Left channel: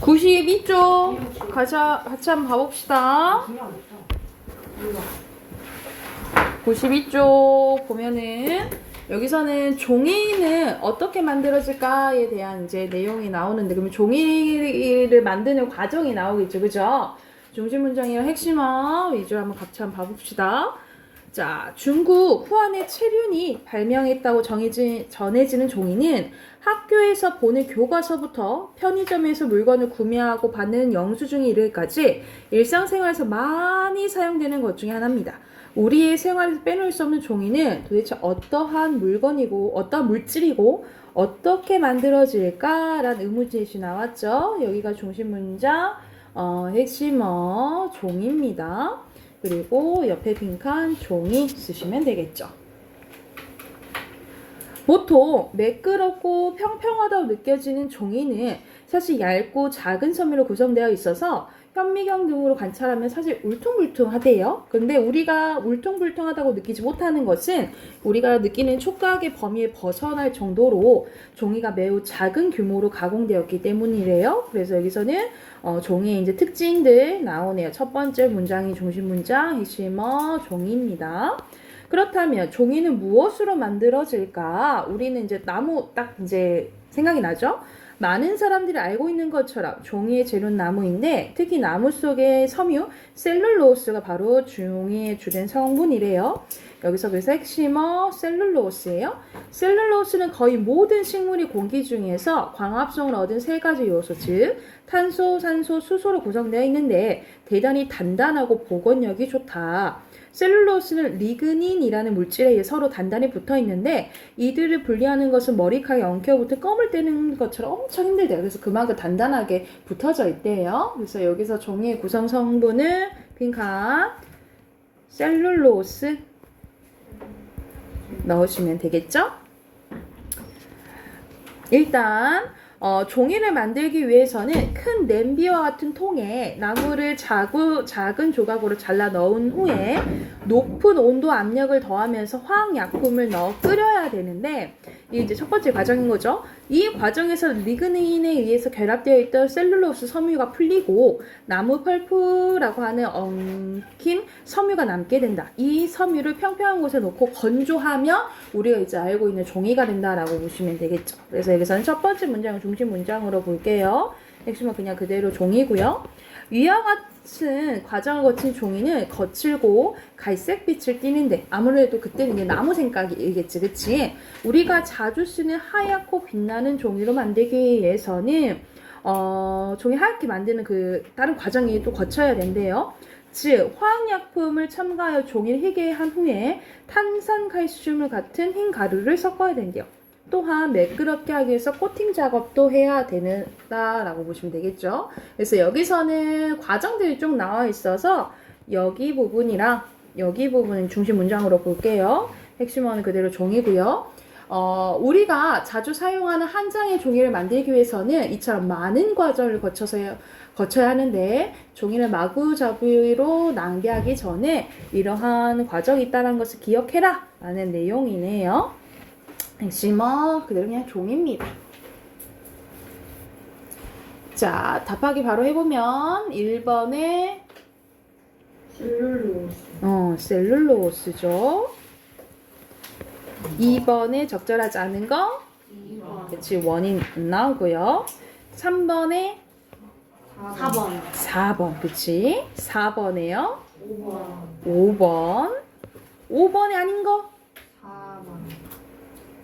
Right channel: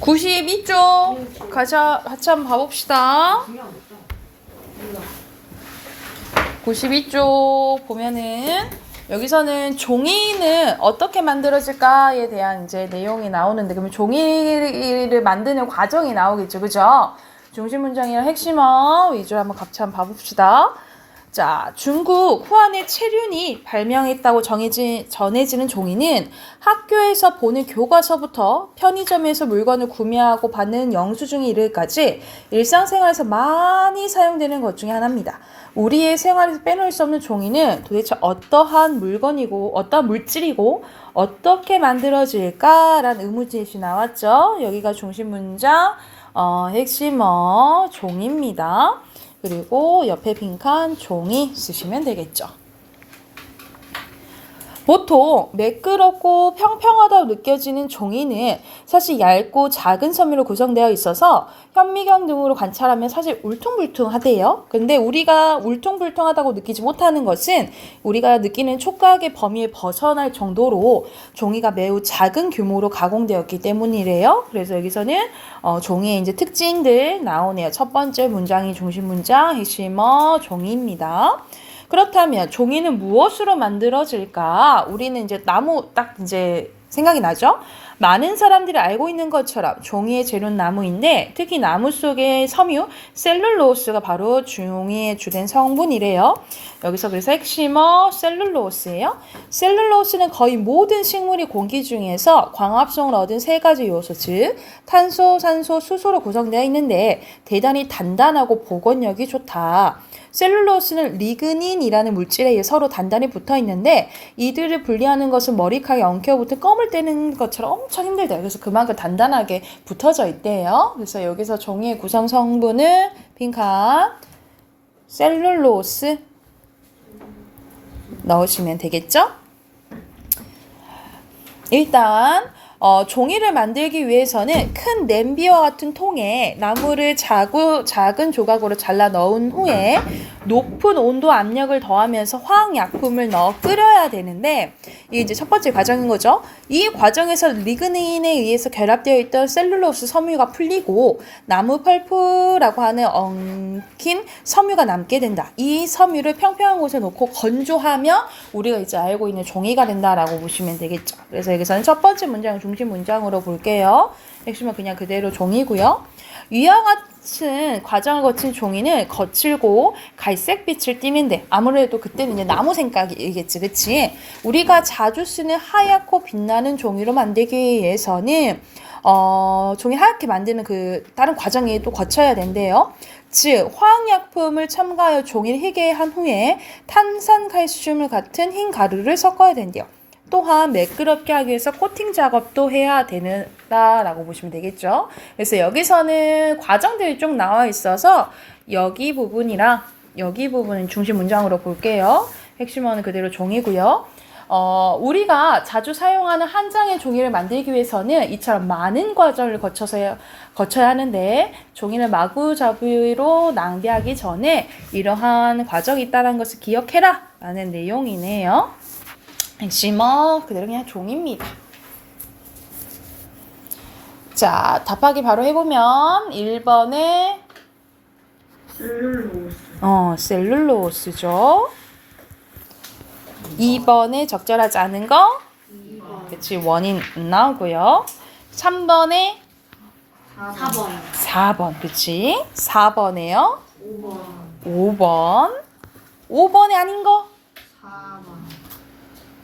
92쪽 같이 한번 봐봅시다. 92쪽 보면은 여기서는 종이는 어떻게 만들어질까에 대한 이제 내용이 나오는데, 그러면 종이를 만드는 과정이 나오겠죠, 그죠? 중심 문장이랑 핵심어 위주로 한번 같이 한번 봐봅시다. 자, 중국 후한의 체륜이 발명했다고 전해지는 종이는 학교에서 보는 교과서부터 편의점에서 물건을 구매하고 받는 영수증에 이르기까지 일상생활에서 많이 사용되는 것 중에 하나입니다. 우리의 생활에서 빼놓을 수 없는 종이는 도대체 어떠한 물건이고 어떠한 물질이고 어떻게 만들어질까라는 의문제시 나왔죠. 여기가 중심 문장, 핵심어 종입니다. 그리고 옆에 빈칸 종이 쓰시면 되겠죠. 보통 매끄럽고 평평하다고 느껴지는 종이는 사실 얇고 작은 섬유로 구성되어 있어서 현미경 등으로 관찰하면 사실 울퉁불퉁하대요. 근데 우리가 울퉁불퉁하다고 느끼지 못하는 것은 우리가 느끼는 촉각의 범위에 벗어날 정도로 종이가 매우 작은 규모로 가공되었기 때문이래요. 그래서 여기서는 종이의 이제 특징들 나오네요. 첫 번째 문장이 중심 문장, 핵심어 종이입니다. 그렇다면 종이는 무엇으로 만들어질까? 우리는 이제 나무 딱 이제 생각이 나죠? 많은 사람들이 알고 있는 것처럼 종이의 재료는 나무인데 특히 나무 속의 섬유 셀룰로스가 바로 종이의 주된 성분이래요. 여기서 그래서 핵심어 셀룰로스예요. 셀룰로스는 거의 모든 식물이 공기 중에서 광합성을 얻은 세 가지 요소, 즉 탄소, 산소, 수소로 구성되어 있는데 대단히 단단하고 복원력이 좋다. 셀룰로스는 리그닌이라는 물질에 의해 서로 단단히 붙어 있는데 이들을 분리하는 것은 머리카락에 엉켜붙은 껌을 떼는 것처럼 엄청 힘들대요. 그래서 그만큼 단단하게 붙어져 있대요. 그래서 여기서 종이의 구성 성분은 빈칸 셀룰로스 넣으시면 되겠죠? 일단 종이를 만들기 위해서는 큰 냄비와 같은 통에 나무를 작은 조각으로 잘라 넣은 후에 높은 온도 압력을 더하면서 화학약품을 넣어 끓여야 되는데 이게 이제 첫 번째 과정인 거죠. 이 과정에서 리그닌에 의해서 결합되어 있던 셀룰로스 섬유가 풀리고 나무 펄프라고 하는 엉킨 섬유가 남게 된다. 이 섬유를 평평한 곳에 놓고 건조하면 우리가 이제 알고 있는 종이가 된다라고 보시면 되겠죠. 그래서 여기서는 첫 번째 문장 중심 문장으로 볼게요. 핵심은 그냥 그대로 종이고요. 위와 같은 과정을 거친 종이는 거칠고 갈색빛을 띠는데 아무래도 그때는 이제 나무 생각이겠지, 그치? 우리가 자주 쓰는 하얗고 빛나는 종이로 만들기 위해서는 종이 하얗게 만드는 그 다른 과정이 또 거쳐야 된대요. 즉 화학약품을 첨가하여 종이를 희게 한 후에 탄산칼슘을 같은 흰 가루를 섞어야 된대요. 또한 매끄럽게 하기 위해서 코팅 작업도 해야 된다라고 보시면 되겠죠. 그래서 여기서는 과정들이 쭉 나와 있어서 여기 부분이랑 여기 부분은 중심 문장으로 볼게요. 핵심어는 그대로 종이고요. 우리가 자주 사용하는 한 장의 종이를 만들기 위해서는 이처럼 많은 과정을 거쳐야 하는데 종이를 마구잡이로 낭비하기 전에 이러한 과정이 있다는 것을 기억해라 라는 내용이네요. 핵심어 그대로 그냥 종입니다. 자, 답하기 바로 해보면 1번에 셀룰로스죠. 2번에 적절하지 않은 거 2번. 그치, 원인 나오고요. 3번에 4번 그치. 4번에요 5번 5번에 아닌 거 4번.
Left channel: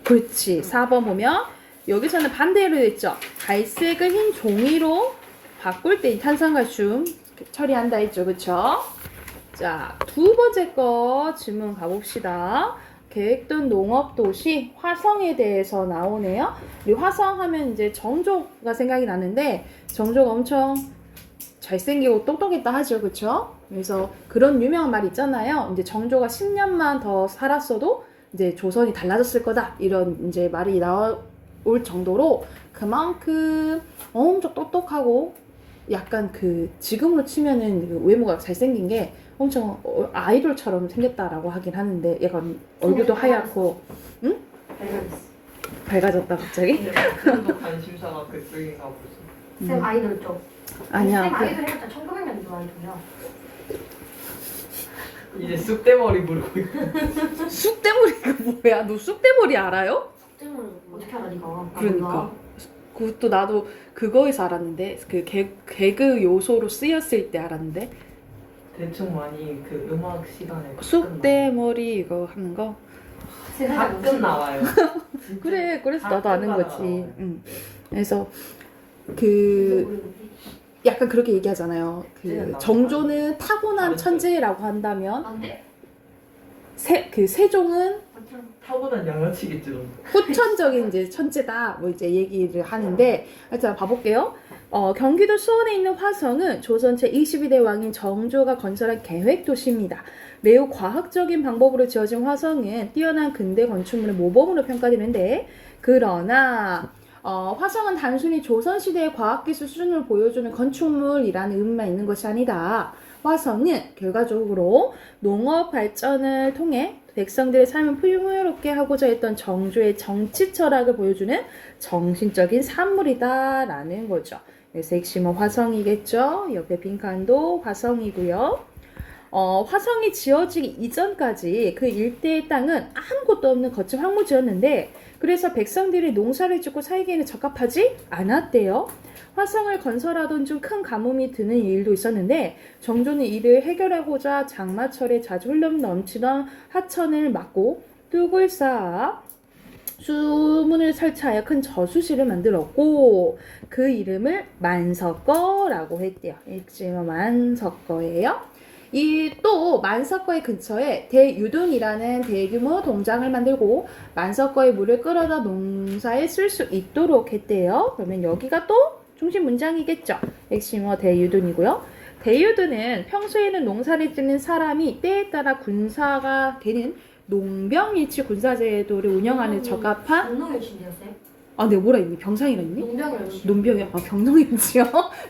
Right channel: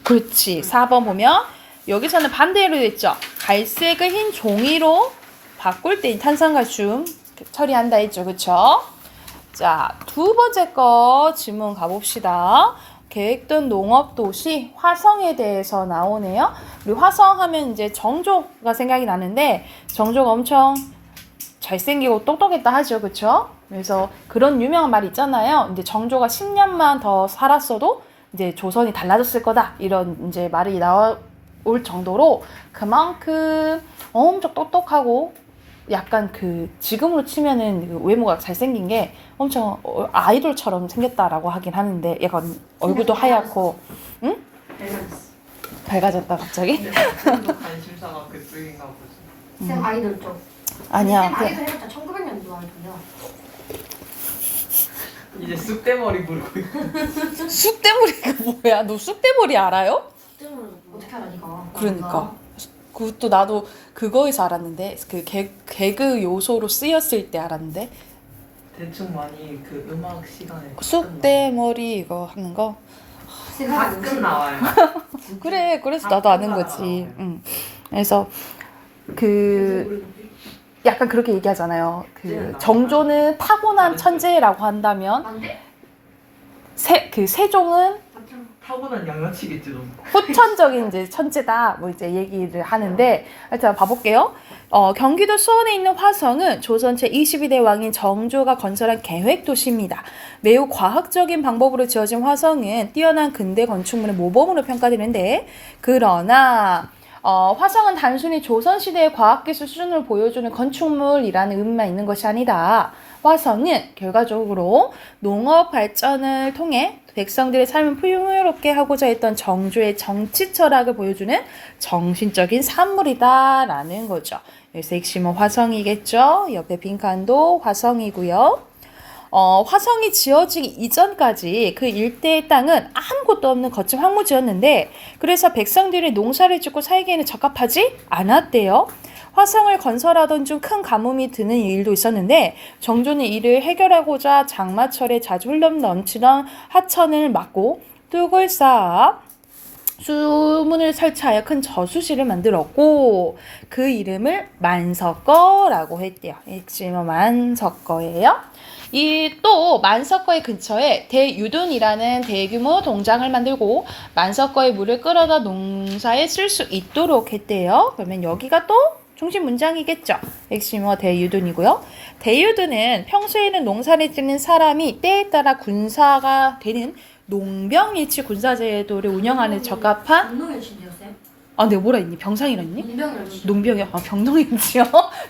그렇지. 4번 보면 여기서는 반대로 됐죠. 갈색을 흰 종이로 바꿀 때 탄산칼슘 처리한다 했죠. 그쵸? 자, 두 번째 거 질문 가봅시다. 계획된 농업도시 화성에 대해서 나오네요. 우리 화성 하면 이제 정조가 생각이 나는데 정조가 엄청 잘생기고 똑똑했다 하죠. 그쵸? 그래서 그런 유명한 말이 있잖아요. 이제 정조가 10년만 더 살았어도 이제 조선이 달라졌을 거다 이런 이제 말이 나올 정도로 그만큼 엄청 똑똑하고 약간 그 지금으로 치면은 그 외모가 잘생긴 게 엄청 아이돌처럼 생겼다라고 하긴 하는데 약간 얼굴도 하얗고 응? 밝아졌다 갑자기? 좀 더 관심사가 그쪽인가 보지. 쌤 아이돌 쪽. 아니야. 쌤 아이돌 해봤자 1900년도 아이돌이야. 이제 쑥대머리 부르고 있어. 쑥대머리가 뭐야? 너 쑥대머리 알아요? 어떻게 알아 네가? 그러니까. 그것도 나도 그거에서 알았는데 그 개그 요소로 쓰였을 때 알았는데 대충 많이 그 음악 시간에 쑥대머리 이거 하는 거. 가끔 나와요. 그래, 그래서 나도 아는 가끔 거지. 나와요. 그래서 그 약간 그렇게 얘기하잖아요. 그 정조는 타고난 천재라고 한다면 안돼? 그 세종은 타고난 양아치겠지 좀. 후천적인 이제 천재다. 뭐 이제 얘기를 하는데 하여튼 봐볼게요. 경기도 수원에 있는 화성은 조선 제22대 왕인 정조가 건설한 계획 도시입니다. 매우 과학적인 방법으로 지어진 화성은 뛰어난 근대 건축물의 모범으로 평가되는데 그러나 화성은 단순히 조선시대의 과학기술 수준을 보여주는 건축물이라는 의미만 있는 것이 아니다. 화성은 결과적으로 농업 발전을 통해 백성들의 삶을 풍요롭게 하고자 했던 정조의 정치 철학을 보여주는 정신적인 산물이다라는 거죠. 그래서 핵심은 화성이겠죠. 옆에 빈칸도 화성이고요. 화성이 지어지기 이전까지 그 일대의 땅은 아무것도 없는 거친 황무지였는데 그래서 백성들이 농사를 짓고 살기에는 적합하지 않았대요. 화성을 건설하던 중 큰 가뭄이 드는 일도 있었는데 정조는 이를 해결하고자 장마철에 자주 흘러 넘치던 하천을 막고 뚝을 쌓아 수문을 설치하여 큰 저수지를 만들었고 그 이름을 만석거라고 했대요. 핵심은 만석거예요. 이 또 만석거의 근처에 대유둔이라는 대규모 동장을 만들고 만석거의 물을 끌어다 농사에 쓸 수 있도록 했대요. 그러면 여기가 또 중심 문장이겠죠. 핵심어 대유둔이고요. 대유둔은 평소에는 농사를 짓는 사람이 때에 따라 군사가 되는 농병일치 군사제도를 운영하는 적합한 병농일치인데요 쌤? 내가 뭐라 했니? 병상이라 했니? 농병일치. 농병이야. 병농일치요.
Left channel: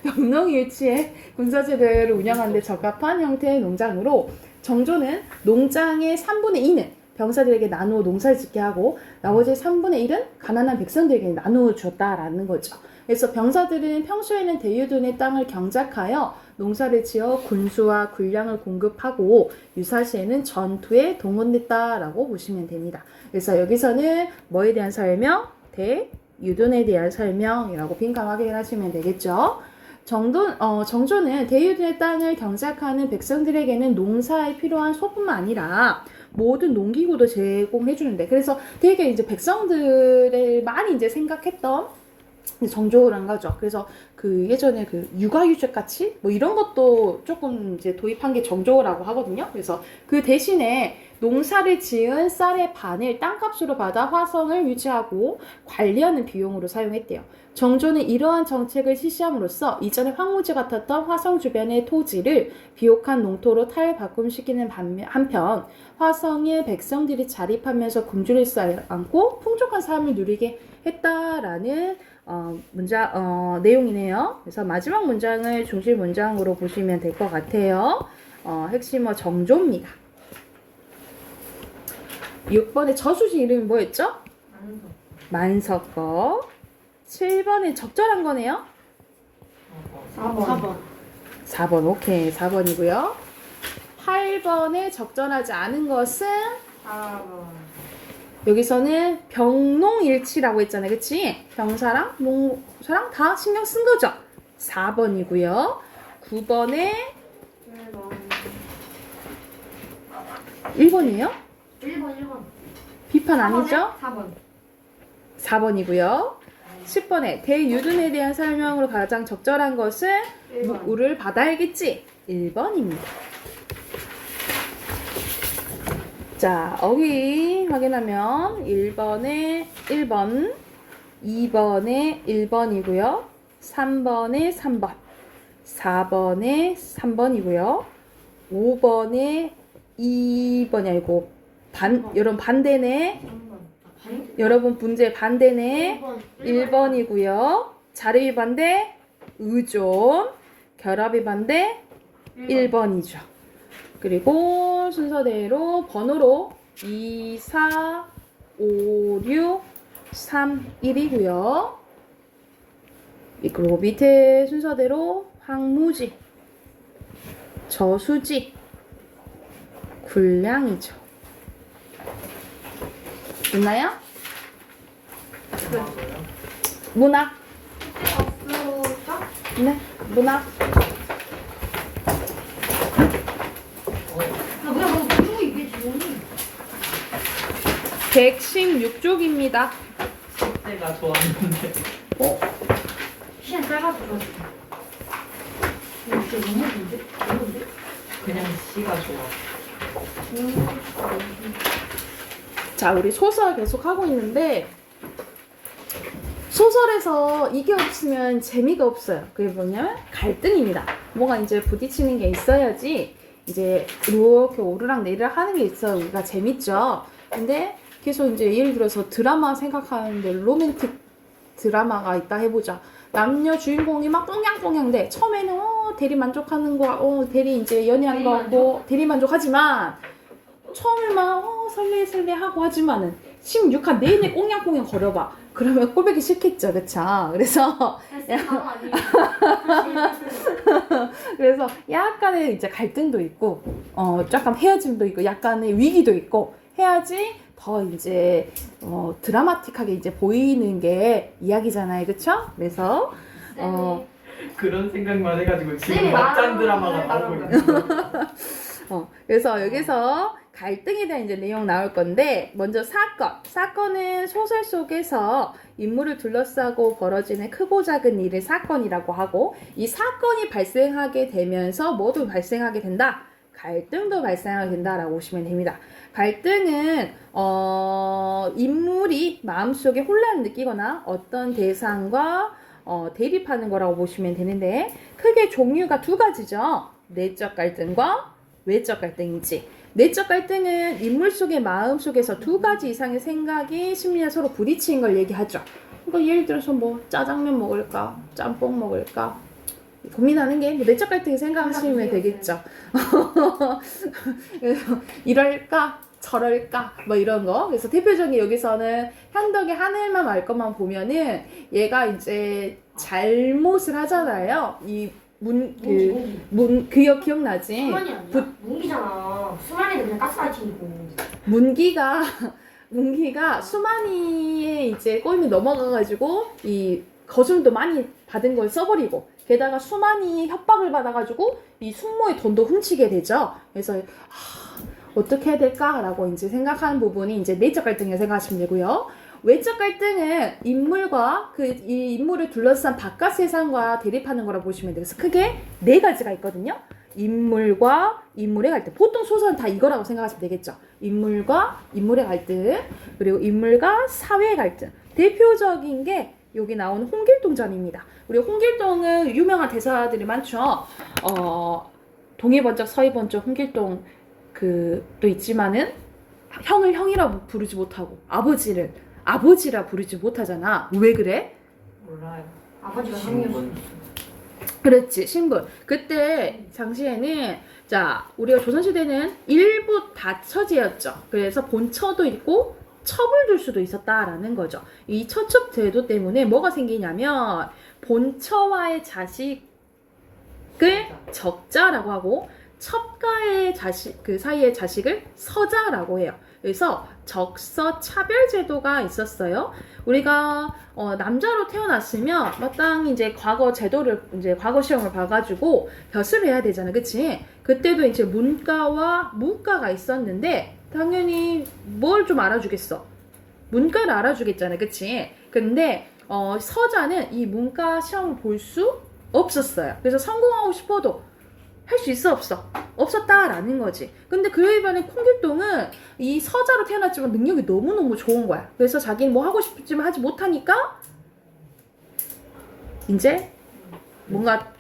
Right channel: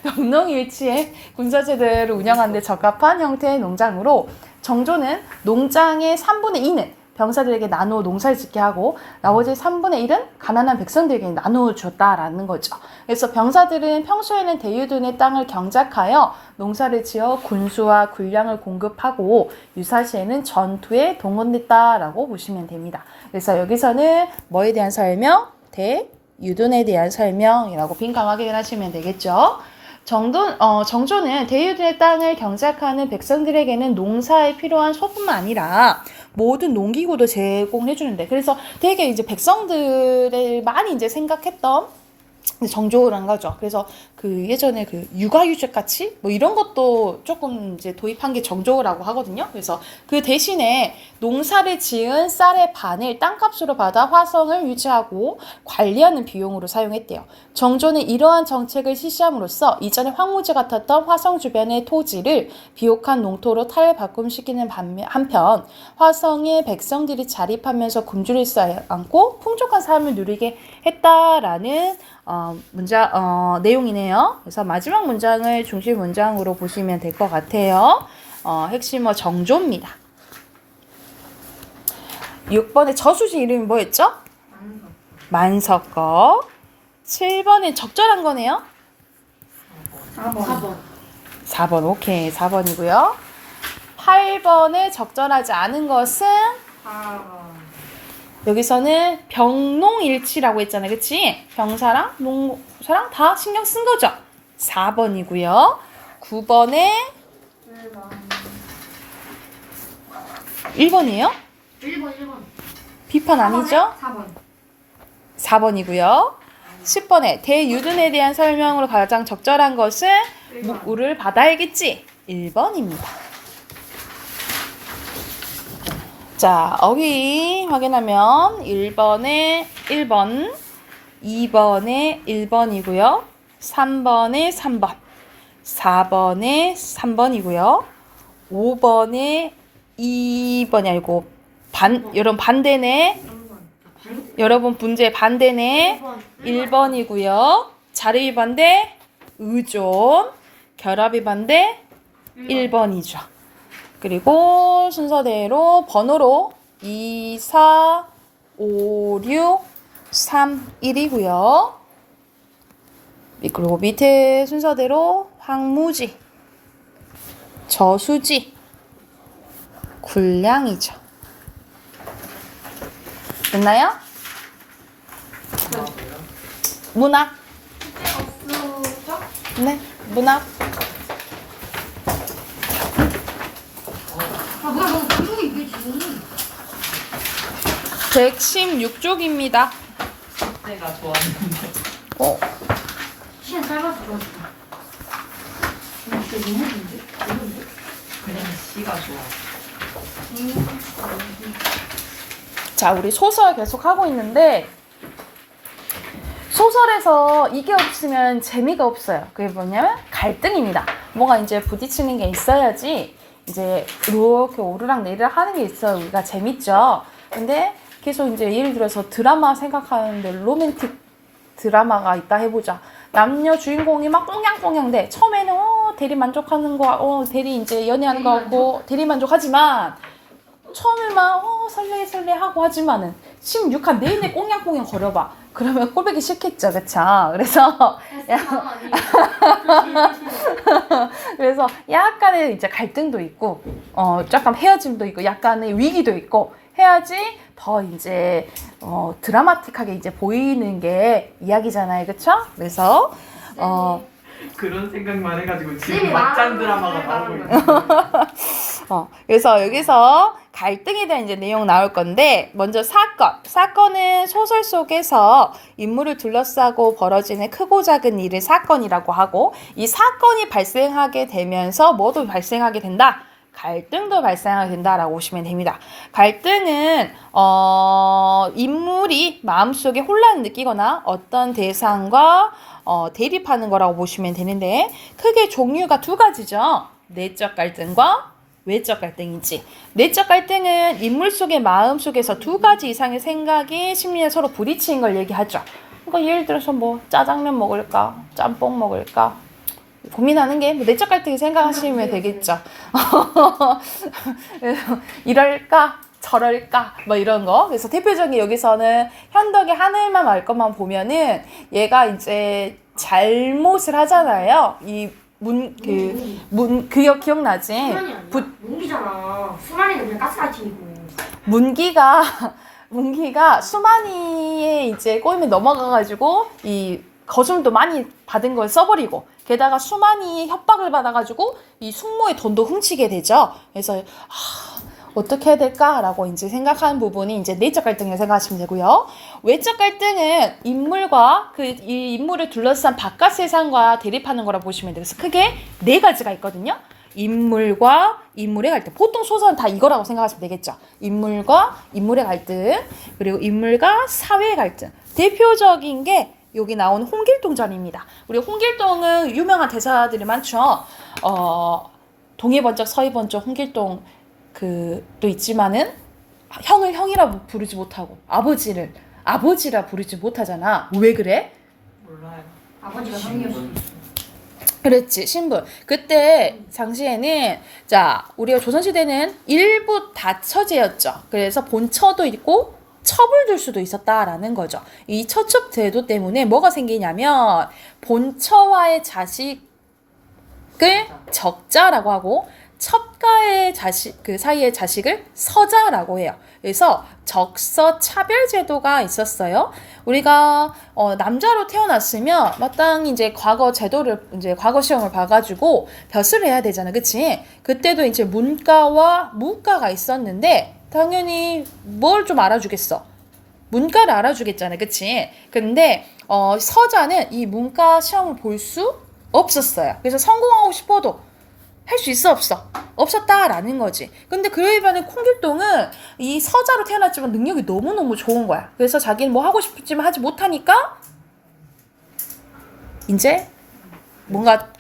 병농일치의 군사제도를 운영하는 데 적합한 형태의 농장으로 정조는 농장의 3분의 2는 병사들에게 나누어 농사를 짓게 하고 나머지 3분의 1은 가난한 백성들에게 나누어 줬다라는 거죠. 그래서 병사들은 평소에는 대유둔의 땅을 경작하여 농사를 지어 군수와 군량을 공급하고 유사시에는 전투에 동원됐다라고 보시면 됩니다. 그래서 여기서는 뭐에 대한 설명? 대유둔에 대한 설명이라고 빈칸 확인을 하시면 되겠죠. 정조는 대유둔의 땅을 경작하는 백성들에게는 농사에 필요한 소뿐만 아니라 모든 농기구도 제공해 주는데 그래서 되게 이제 백성들을 많이 이제 생각했던 정조란 거죠. 그래서 그 예전에 그 육아휴직 같이 뭐 이런 것도 조금 이제 도입한 게 정조라고 하거든요. 그래서 그 대신에 농사를 지은 쌀의 반을 땅값으로 받아 화성을 유지하고 관리하는 비용으로 사용했대요. 정조는 이러한 정책을 실시함으로써 이전에 황무지 같았던 화성 주변의 토지를 비옥한 농토로 탈바꿈시키는 한편 화성의 백성들이 자립하면서 굶주릴 수 않고 풍족한 삶을 누리게 했다라는 내용이네요. 그래서 마지막 문장을 중심 문장으로 보시면 될 것 같아요. 핵심어 정조입니다. 6번의 저수지 이름이 뭐였죠? 만석거. 7번은 적절한 거네요. 4번. 4번 오케이 4번이고요. 8번에 적절하지 않은 것은 4번. 여기서는 병농일치라고 했잖아요. 그치? 병사랑 농사랑 다 신경 쓴 거죠. 4번이고요. 9번에 1번이에요? 1번. 비판 아니죠? 4번. 4번이고요. 10번에 대유둔에 대한 설명으로 가장 적절한 것은 1번. 물을 받아야겠지. 1번입니다. 자, 어휘 확인하면 1번에 1번, 2번에 1번이고요. 3번에 3번, 4번에 3번이고요. 5번에 2번이 아니고 여러분 반대네. 여러분 문제 반대네. 1번이고요. 자르기 반대 의존, 결합이 반대 1번이죠. 그리고 순서대로 번호로 2, 4, 5, 6, 3, 1이고요. 그리고 밑에 순서대로 황무지, 저수지, 군량이죠. 됐나요? 뭐라고요? 문학. 없었죠? 네, 문학. 아 뭐야 너무 무서워 이게 지금. 116쪽입니다. 숙제가 좋았는데. 시간 짧아서 그렇지. 진짜 너무 긴데? 너무인데? 그냥 시가 좋아. 자, 우리 소설 계속 하고 있는데 소설에서 이게 없으면 재미가 없어요. 그게 뭐냐면 갈등입니다. 뭐가 이제 부딪히는 게 있어야지 이제 이렇게 오르락 내리락 하는 게 있어요. 우리가 재밌죠. 근데 계속 이제 예를 들어서 드라마 생각하는데 로맨틱 드라마가 있다 해보자. 남녀 주인공이 막 꽁냥꽁냥대. 처음에는 대리 만족하는 거, 대리 이제 연애하는 거 같고 대리 만족하지만 처음에만 설레 하고 하지만은 16화 내내 꽁냥꽁냥 거려봐. 그러면 꼴보기 싫겠죠, 그쵸? 그래서 그래서 약간의 이제 갈등도 있고, 약간 헤어짐도 있고, 약간의 위기도 있고 해야지 더 이제 드라마틱하게 이제 보이는 게 이야기잖아요, 그쵸? 그래서 그런 생각만 해가지고 지금 네, 막장 드라마가 나오고 있는 거예요. 그래서 여기서 갈등에 대한 이제 내용 나올 건데 먼저 사건은 소설 속에서 인물을 둘러싸고 벌어지는 크고 작은 일을 사건이라고 하고 이 사건이 발생하게 되면서 뭐도 발생하게 된다? 갈등도 발생하게 된다라고 보시면 됩니다. 갈등은 인물이 마음속에 혼란을 느끼거나 어떤 대상과 대립하는 거라고 보시면 되는데 크게 종류가 두 가지죠. 내적 갈등과 외적 갈등이지. 내적 갈등은 인물 속의 마음 속에서 두 가지 이상의 생각이 심리에 서로 부딪히는 걸 얘기하죠. 그러니까 예를 들어서 뭐 짜장면 먹을까, 짬뽕 먹을까 고민하는 게 뭐 내적 갈등이 생각하시면 되겠죠. 이럴까 저럴까 뭐 이런 거. 그래서 대표적인 여기서는 현덕이 하늘만 알 것만 보면은 얘가 이제 잘못을 하잖아요. 이 그거 기억나지? 수만이 아니야? 문기잖아. 수만이는 그냥 가스라이팅이고. 문기가 수만이의 이제 꼬임에 넘어가가지고 이 거줌도 많이 받은 걸 써버리고 게다가 수만이 협박을 받아가지고 이 숙모의 돈도 훔치게 되죠. 그래서 어떻게 해야 될까라고 이제 생각하는 부분이 이제 내적 갈등이라고 생각하시면 되고요. 외적 갈등은 인물과 이 인물을 둘러싼 바깥 세상과 대립하는 거라고 보시면 돼요. 그래서 크게 네 가지가 있거든요. 인물과 인물의 갈등. 보통 소설은 다 이거라고 생각하시면 되겠죠. 인물과 인물의 갈등, 그리고 인물과 사회의 갈등. 대표적인 게 여기 나온 홍길동전입니다. 우리 홍길동은 유명한 대사들이 많죠. 동해번쩍 서해번쩍 홍길동 또 있지만은 형을 형이라 부르지 못하고 아버지라 부르지 못하잖아. 왜 그래? 몰라요. 아버지가 형이었어. 그랬지, 신분. 그때 당시에는 자 우리가 조선시대는 일부 다처제였죠. 그래서 본처도 있고 첩을 둘 수도 있었다라는 거죠. 이 처첩 제도 때문에 뭐가 생기냐면 본처와의 자식을 적자라고 하고 첩가의 자식 그 사이의 자식을 서자라고 해요. 그래서 적서 차별 제도가 있었어요. 우리가 남자로 태어났으면 마땅히 이제 과거 제도를 이제 과거 시험을 봐가지고 벼슬을 해야 되잖아, 그치? 그때도 이제 문과와 무과가 있었는데 당연히 뭘 좀 알아주겠어? 문과를 알아주겠잖아, 그치? 근데 서자는 이 문과 시험을 볼 수 없었어요. 그래서 성공하고 싶어도 할 수 있어 없었다라는 거지. 근데 그에 반해 홍길동은 이 서자로 태어났지만 능력이 너무너무 좋은 거야. 그래서 자기는 뭐 하고 싶지만 하지 못하니까 이제 뭔가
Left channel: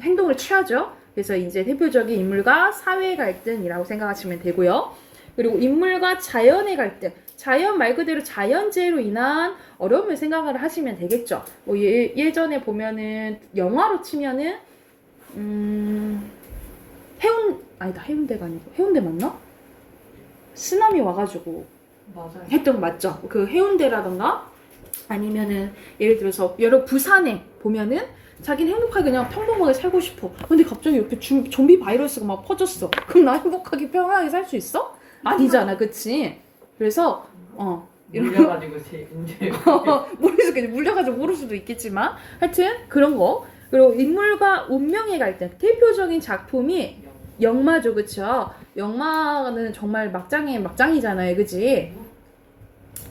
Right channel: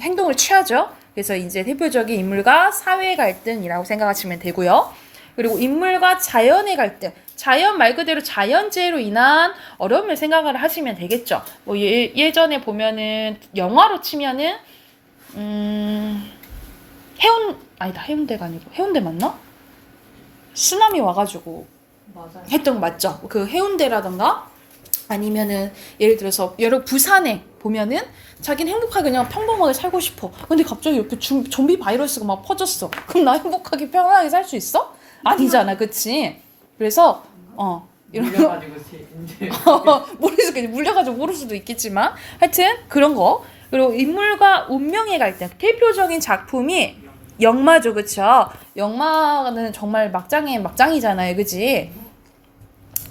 행동을 취하죠. 그래서 이제 대표적인 인물과 사회 갈등이라고 생각하시면 되고요. 그리고 인물과 자연의 갈등. 자연 말 그대로 자연재해로 인한 어려움을 생각을 하시면 되겠죠. 뭐 예전에 보면은 영화로 치면은 해운대가 아니고 해운대 맞나? 쓰나미 와가지고 맞아요. 했던 거 맞죠? 그 해운대라던가 아니면은 예를 들어서 여러 부산에 보면은 자기는 행복하게 그냥 평범하게 살고 싶어. 근데 갑자기 이렇게 좀비 바이러스가 막 퍼졌어. 그럼 나 행복하게 편안하게 살 수 있어? 아니잖아, 그치? 그래서 이런 거 물려가지고 이제 모를 수도 있겠지. 물려가지고 모를 수도 있겠지만 하여튼 그런 거. 그리고 인물과 운명의 갈등. 대표적인 작품이 영마죠, 그쵸? 영마는 정말 막장의 막장이잖아요, 그치?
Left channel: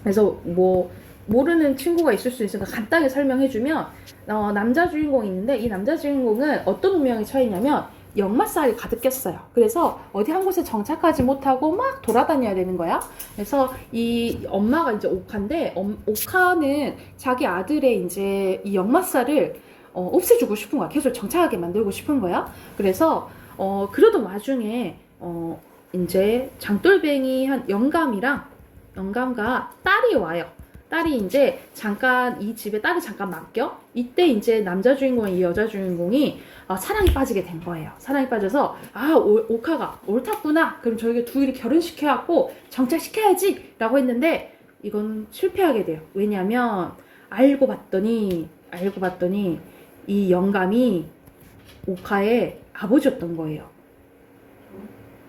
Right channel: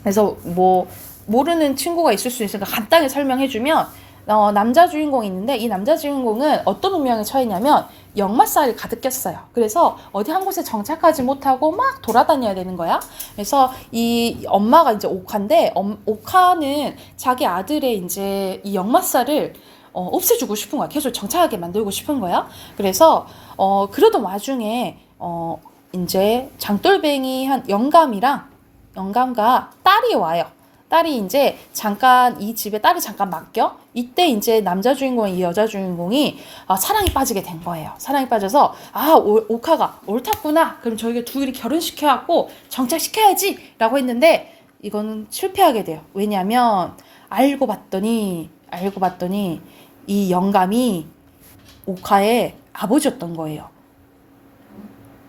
그래서 뭐 모르는 친구가 있을 수 있으니까 간단히 설명해주면 남자 주인공이 있는데 이 남자 주인공은 어떤 운명에 처했냐면 역마살이 가득 꼈어요. 그래서 어디 한 곳에 정착하지 못하고 막 돌아다녀야 되는 거야. 그래서 이 엄마가 이제 옥화인데 옥화는 자기 아들의 이제 이 역마살을 없애주고 싶은 거야. 계속 정착하게 만들고 싶은 거야. 그래서 그러던 와중에 이제 장돌뱅이 한 영감과 딸이 와요. 딸이 이제 잠깐 이 집에 딸을 잠깐 맡겨. 이때 이제 남자 주인공과 이 여자 주인공이 사랑에 빠지게 된 거예요. 사랑에 빠져서 옥화가 옳았구나. 그럼 저희가 둘이 결혼시켜갖고 정착시켜야지 라고 했는데 이건 실패하게 돼요. 왜냐하면 알고 봤더니 이 영감이 옥화의 아버지였던 거예요.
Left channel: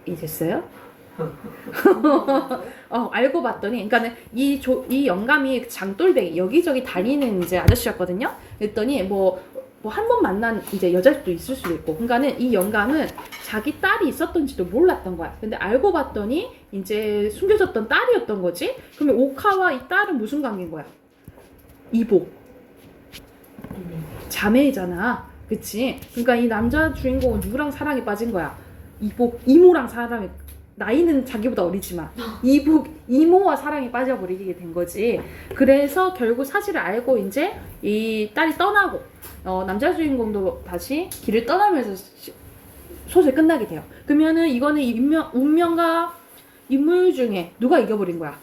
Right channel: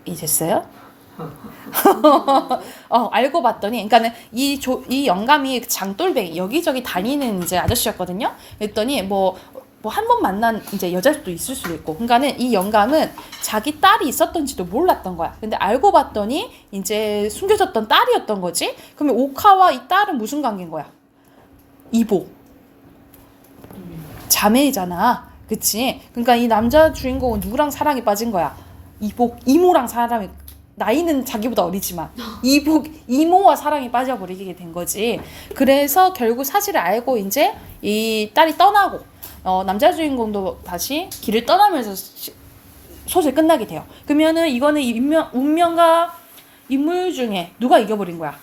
이제어요? 알고 봤더니, 그러니까는 이 영감이 장돌뱅이 여기저기 다니는 이제 아저씨였거든요. 그랬더니 뭐 한 번 만난 이제 여자도 있을 수도 있고, 그러니까는 이 영감은 자기 딸이 있었던지도 몰랐던 거야. 근데 알고 봤더니 이제 숨겨졌던 딸이었던 거지. 그러면 옥화와 이 딸은 무슨 관계인 거야? 이복, 자매잖아, 그치? 그러니까 이 남자 주인공은 누구랑 사랑에 빠진 거야? 이모랑 사랑이. 나이는 자기보다 어리지만 이모와 사랑에 빠져버리게 된 거지. 그래서 결국 사실을 알고 이제 이 딸이 떠나고 남자 주인공도 다시 길을 떠나면서 소설이 끝나게 돼요. 그러면은 이거는 운명과 인물 중에 누가 이겨버린 거야?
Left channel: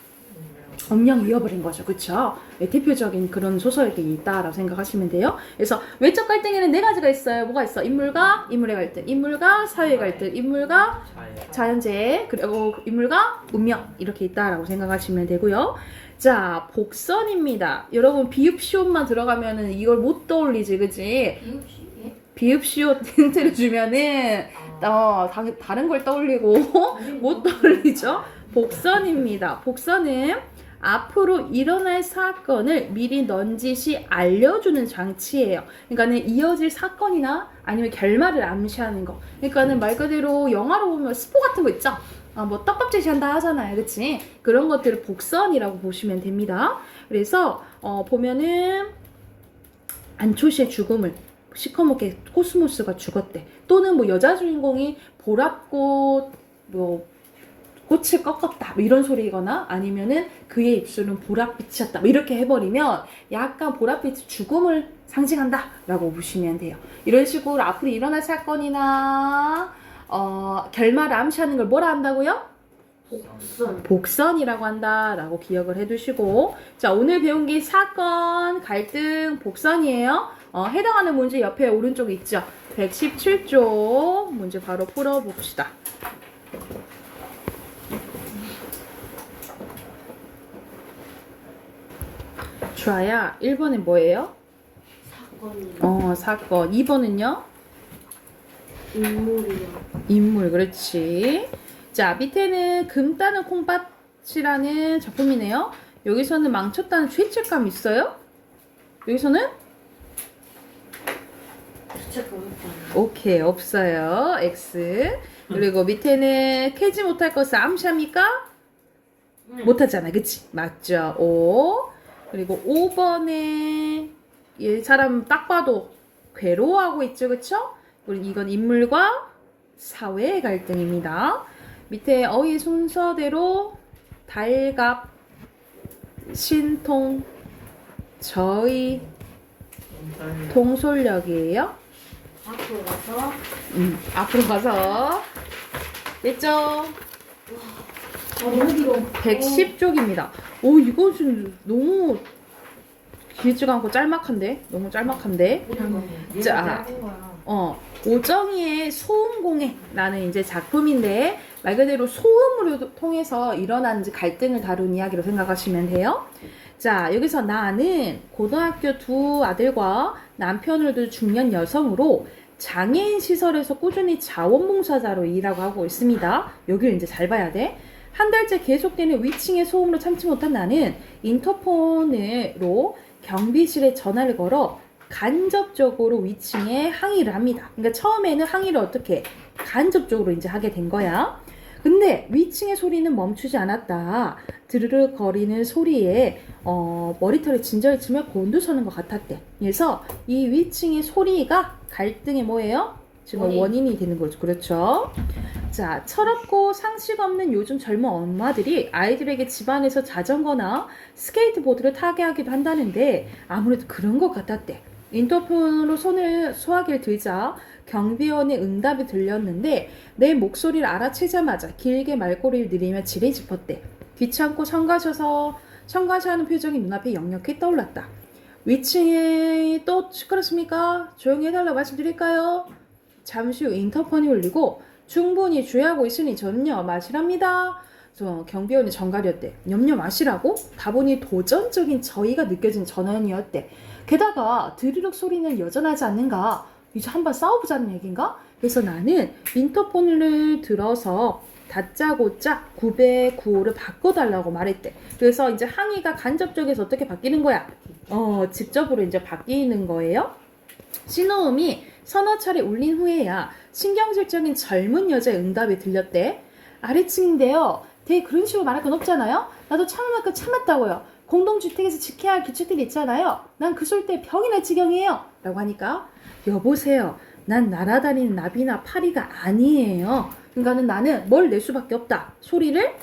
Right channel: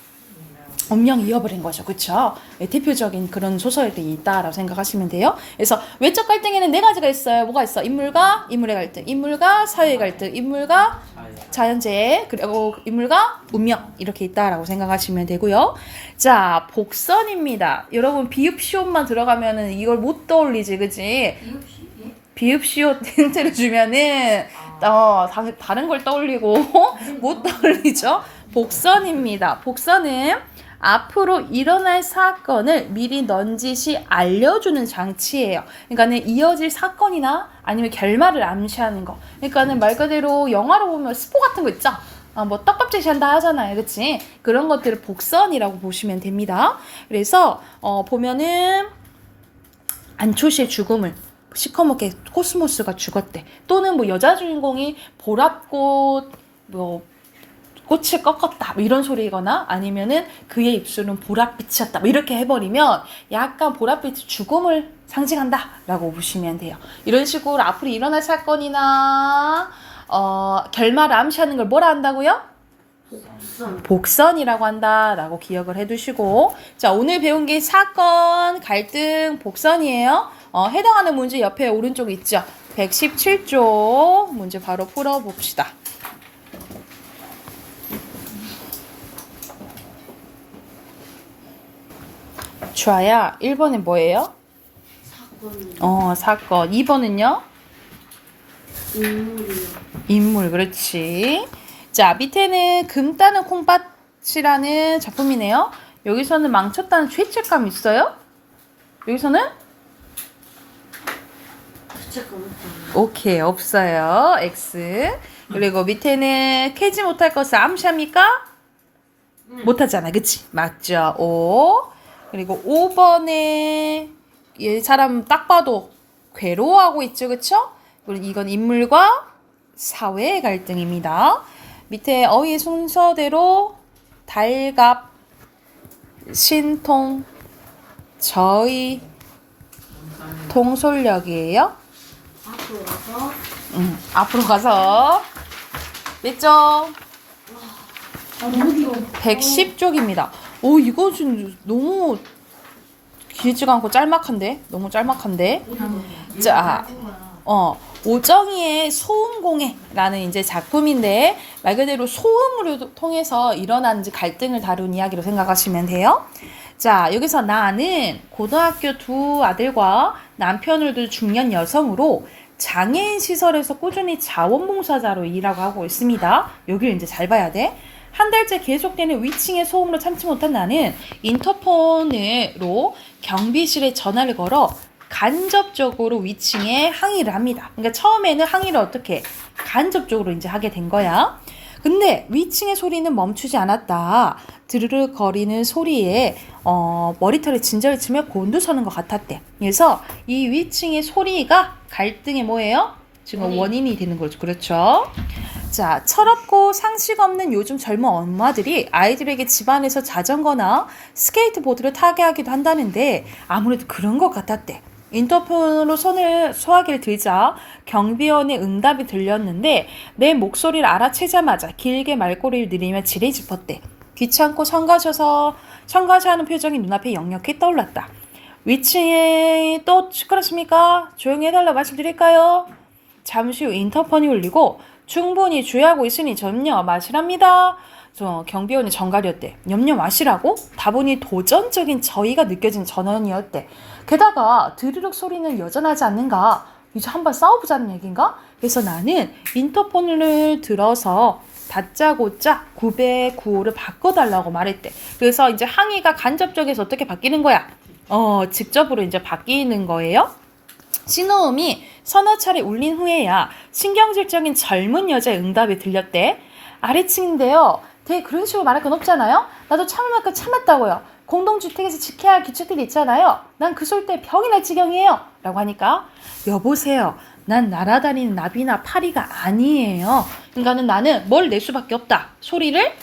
운명이 이어버린 거죠. 그쵸? 네, 대표적인 그런 소설이 있다라고 생각하시면 돼요. 그래서 외적 갈등에는 네 가지가 있어요. 뭐가 있어? 인물과 인물의 갈등, 인물과 사회의 갈등, 인물과 자연재해, 그리고 인물과 운명, 이렇게 있다라고 생각하시면 되고요. 자, 복선입니다. 여러분 비읍시옷만 들어가면은 이걸 못 떠올리지, 그치? 비읍시옷 힌트를 주면은 다른 걸 떠올리고 못 떠올리죠. 복선입니다. 복선은 앞으로 일어날 사건을 미리 넌지시 알려주는 장치예요. 그러니까는 이어질 사건이나 아니면 결말을 암시하는 거. 그러니까는 말 그대로 영화로 보면 스포 같은 거 있죠? 뭐 떡밥 제시한다 하잖아요, 그치? 그런 것들을 복선이라고 보시면 됩니다. 그래서 보면은 안초시의 죽음을 시커멓게 코스모스가 죽었대. 또는 뭐 여자 주인공이 보랏꽃 꽃을 꺾었다 뭐 이런 소리거나 아니면은 그의 입술은 보랏빛이었다 뭐 이렇게 해버리면 약간 보랏빛이 죽음을 상징한다 라고 보시면 돼요. 이런 식으로 앞으로 일어날 사건이나 결말을 암시하는 걸 뭐라 한다고요? 복선이라고 한다라고 기억을 해두시고, 자, 오늘 배운 게 사건, 갈등, 복선이에요. 해당하는 문제 옆에 오른쪽에 있죠. 117쪽 문제 바로 풀어봅시다. 주아야, 1번은 뭐예요? 사건. 2번은요? 인물, 그렇지. 자, 밑에는 금 따는 콩밭이라는 작품이네요. 여기서는 망쳤다는 죄책감 있어요? 여기서는? 오케이, 없어요. X. 그리고 밑에는 캐지 못할 것을 암시합니까? 못하잖아, 그치? 맞죠? O. 그리고 5번에 이 사람 딱 봐도 괴로워하고 있죠, 그쵸? 그리고 이건 인물과 사회의 갈등입니다. 밑에 어휘의 순서대로 달갑, 신통, 저의, 통솔력이에요. 앞으로 가서 몇 점? 110쪽입니다. 오, 이거 좀 너무 길지가 않고 짤막한데? 너무 짤막한데? 자, 오정희의 소음공해라는 이제 작품인데 말 그대로 소음으로 통해서 일어나는 갈등을 다룬 이야기로 생각하시면 돼요. 자, 여기서 나는 고등학교 두 아들과 남편을 둔 중년 여성으로 장애인 시설에서 꾸준히 자원봉사자로 일하고 하고 있습니다. 여기를 이제 잘 봐야 돼. 한 달째 계속되는 위층의 소음으로 참지 못한 나는 인터폰으로 경비실에 전화를 걸어 간접적으로 위층에 항의를 합니다. 그러니까 처음에는 항의를 어떻게 간접적으로 이제 하게 된 거야. 근데 위층의 소리는 멈추지 않았다. 드르르 거리는 소리에 머리털에 진저를 치며 곤두서는 것 같았대. 그래서 이 위층의 소리가 갈등의 뭐예요? 지금 원인이 되는 거죠. 그렇죠? 자, 철없고 상식 없는 요즘 젊은 엄마들이 아이들에게 집안에서 자전거나 스케이트보드를 타게 하기도 한다는데 아무래도 그런 것 같았대. 인터폰으로 손을 소화기를 들자 경비원의 응답이 들렸는데 내 목소리를 알아채자마자 길게 말꼬리를 내리며 지레 짚었대. 귀찮고 성가셔하는 표정이 눈앞에 역력히 떠올랐다. 위층에 또 시끄럽습니까? 조용히 해달라 말씀드릴까요? 잠시 후 인터폰이 울리고 충분히 주의하고 있으니 염려 마시랍니다. 경비원이 정갈이었대. 염려 마시라고? 다분히 도전적인 저의가 느껴진 전원이었대. 게다가 드르륵 소리는 여전하지 않는가? 이제 한번 싸워보자는 얘기인가? 그래서 나는 인터폰을 들어서 다짜고짜 909를 바꿔달라고 말했대. 그래서 이제 항의가 간접적에서 어떻게 바뀌는 거야? 직접으로 이제 바뀌는 거예요. 신호음이 서너 차례 울린 후에야 신경질적인 젊은 여자의 응답이 들렸대. 아래층인데요. 되게 그런 식으로 말할 건 없잖아요. 나도 참을 만큼 참았다고요. 공동주택에서 지켜야 할 규칙들이 있잖아요. 난 그 소리 때문에 병이 날 지경이에요. 라고 하니까 여보세요. 난 날아다니는 나비나 파리가 아니에요. 그러니까는 나는 뭘 낼 수밖에 없다. 소리를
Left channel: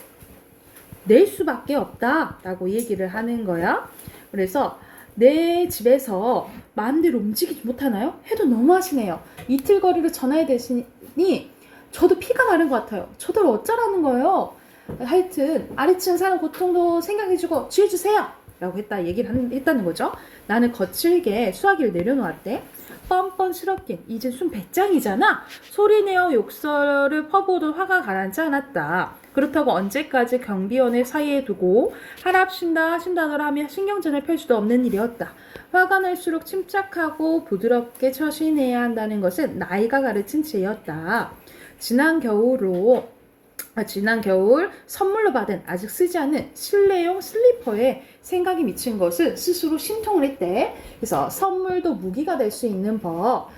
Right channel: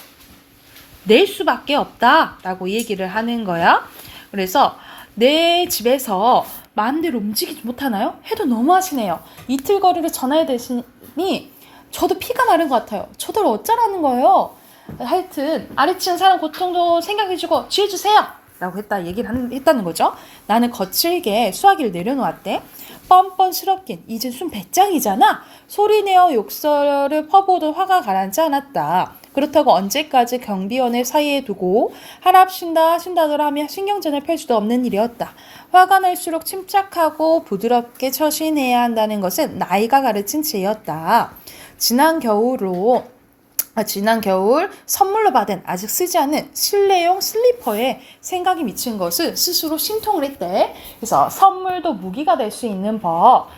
낼 수밖에 없다. 라고 얘기를 하는 거야. 그래서 내 집에서 마음대로 움직이지 못하나요? 해도 너무 하시네요. 이틀 거리를 전화해 대시니 저도 피가 나는 것 같아요. 저들 어쩌라는 거예요? 하여튼 아래층 사람 고통도 생각해주고 지혜주세요 라고 했다는 거죠. 나는 거칠게 수화기를 내려놓았대. 뻔뻔스럽긴 이제 순 배짱이잖아. 소리내어 욕설을 퍼부어도 화가 가라앉지 않았다. 그렇다고 언제까지 경비원을 사이에 두고 하랍신다더라 하며 신경전을 펼 수도 없는 일이었다. 화가 날수록 침착하고 부드럽게 처신해야 한다는 것은 나이가 가르친 지혜였다. 지난 겨울 선물로 받은 아직 쓰지 않은 실내용 슬리퍼에 생각이 미친 것을 스스로 심통을 했대. 그래서 선물도 무기가 될 수 있는 법.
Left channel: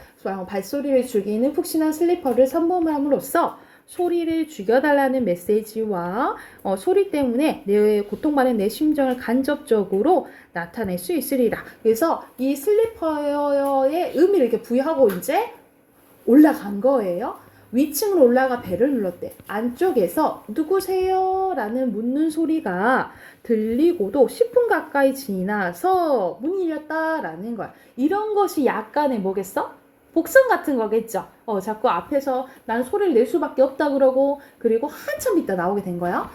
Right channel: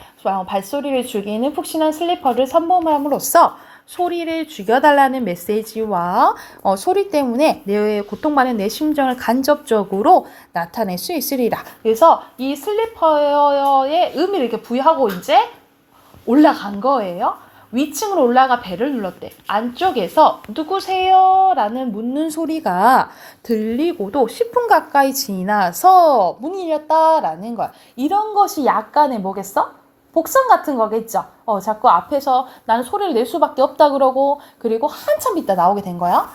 발소리를 죽이는 푹신한 슬리퍼를 선물함으로써 소리를 죽여달라는 메시지와 소리 때문에 내 고통받는 내 심정을 간접적으로 나타낼 수 있으리라. 그래서 이 슬리퍼의 의미를 이렇게 부여하고 이제 올라간 거예요. 위층으로 올라가 벨을 눌렀대. 안쪽에서 누구세요? 라는 묻는 소리가 들리고도 10분 가까이 지나서 문이 열렸다라는 거야. 이런 것이 약간의 뭐겠어? 복선 같은 거겠죠. 자꾸 앞에서 나는 소리를 낼 수밖에 없다 그러고 그리고 한참 있다 나오게 된 거야.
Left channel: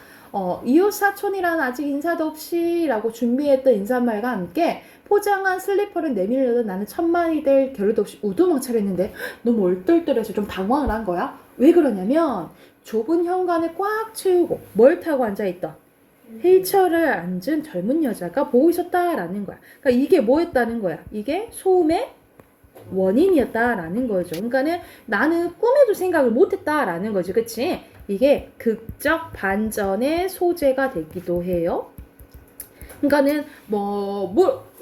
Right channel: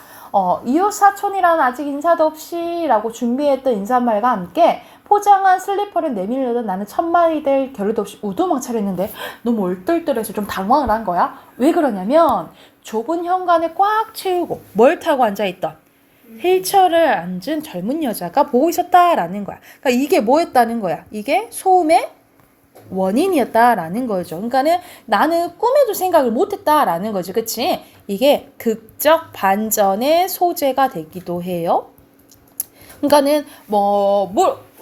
이웃 사촌이라는 아직 인사도 없이 라고 준비했던 인사말과 함께 포장한 슬리퍼를 내밀려던 나는 천만이 될 겨를도 없이 우두망찰했는데 너무 얼떨떨해서 좀 당황을 한 거야. 왜 그러냐면 좁은 현관을 꽉 채우고 뭘 타고 앉아있던 휠체어를 앉은 젊은 여자가 보고 있었다라는 거야. 그러니까 이게 뭐였다는 거야? 이게 소음의 원인이었다라는 거죠. 그러니까는 나는 꿈에도 생각을 못했다라는 거죠. 그치? 이게 극적 반전의 소재가 되기도 해요. 그러니까는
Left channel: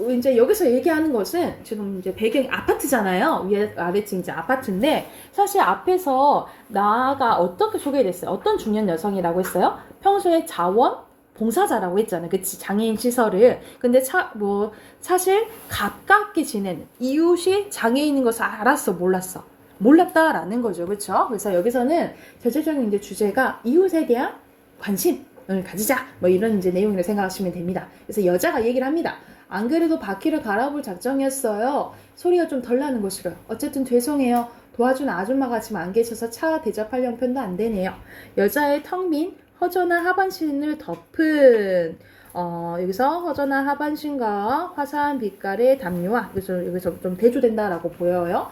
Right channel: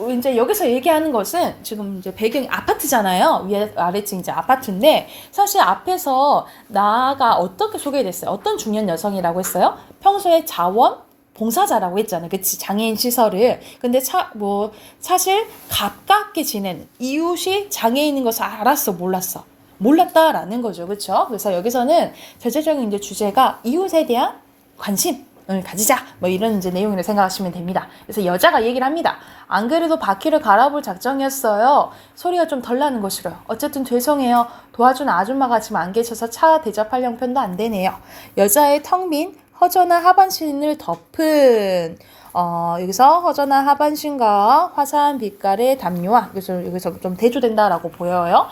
이제 여기서 얘기하는 것은 지금 이제 배경이 아파트잖아요. 위에 아래층 이제 아파트인데 사실 앞에서 나가 어떻게 소개됐어요? 어떤 중년 여성이라고 했어요? 평소에 자원 봉사자라고 했잖아요. 그치? 장애인 시설을. 근데 사실 가깝게 지내는 이웃이 장애인인 것을 알았어? 몰랐어? 몰랐다라는 거죠. 그렇죠? 그래서 여기서는 전체적인 이제 주제가 이웃에 대한 관심을 가지자. 이런 이제 내용이라고 생각하시면 됩니다. 그래서 여자가 얘기를 합니다. 안 그래도 바퀴를 갈아볼 작정이었어요. 소리가 좀 덜 나는 거 싫어요. 어쨌든 죄송해요. 도와주는 아줌마가 지금 안 계셔서 차 대접할 형편도 안 되네요. 여자의 텅 빈 허전한 하반신을 덮은 여기서 허전한 하반신과 화사한 빛깔의 담요와 여기서 좀 대조된다라고 보여요.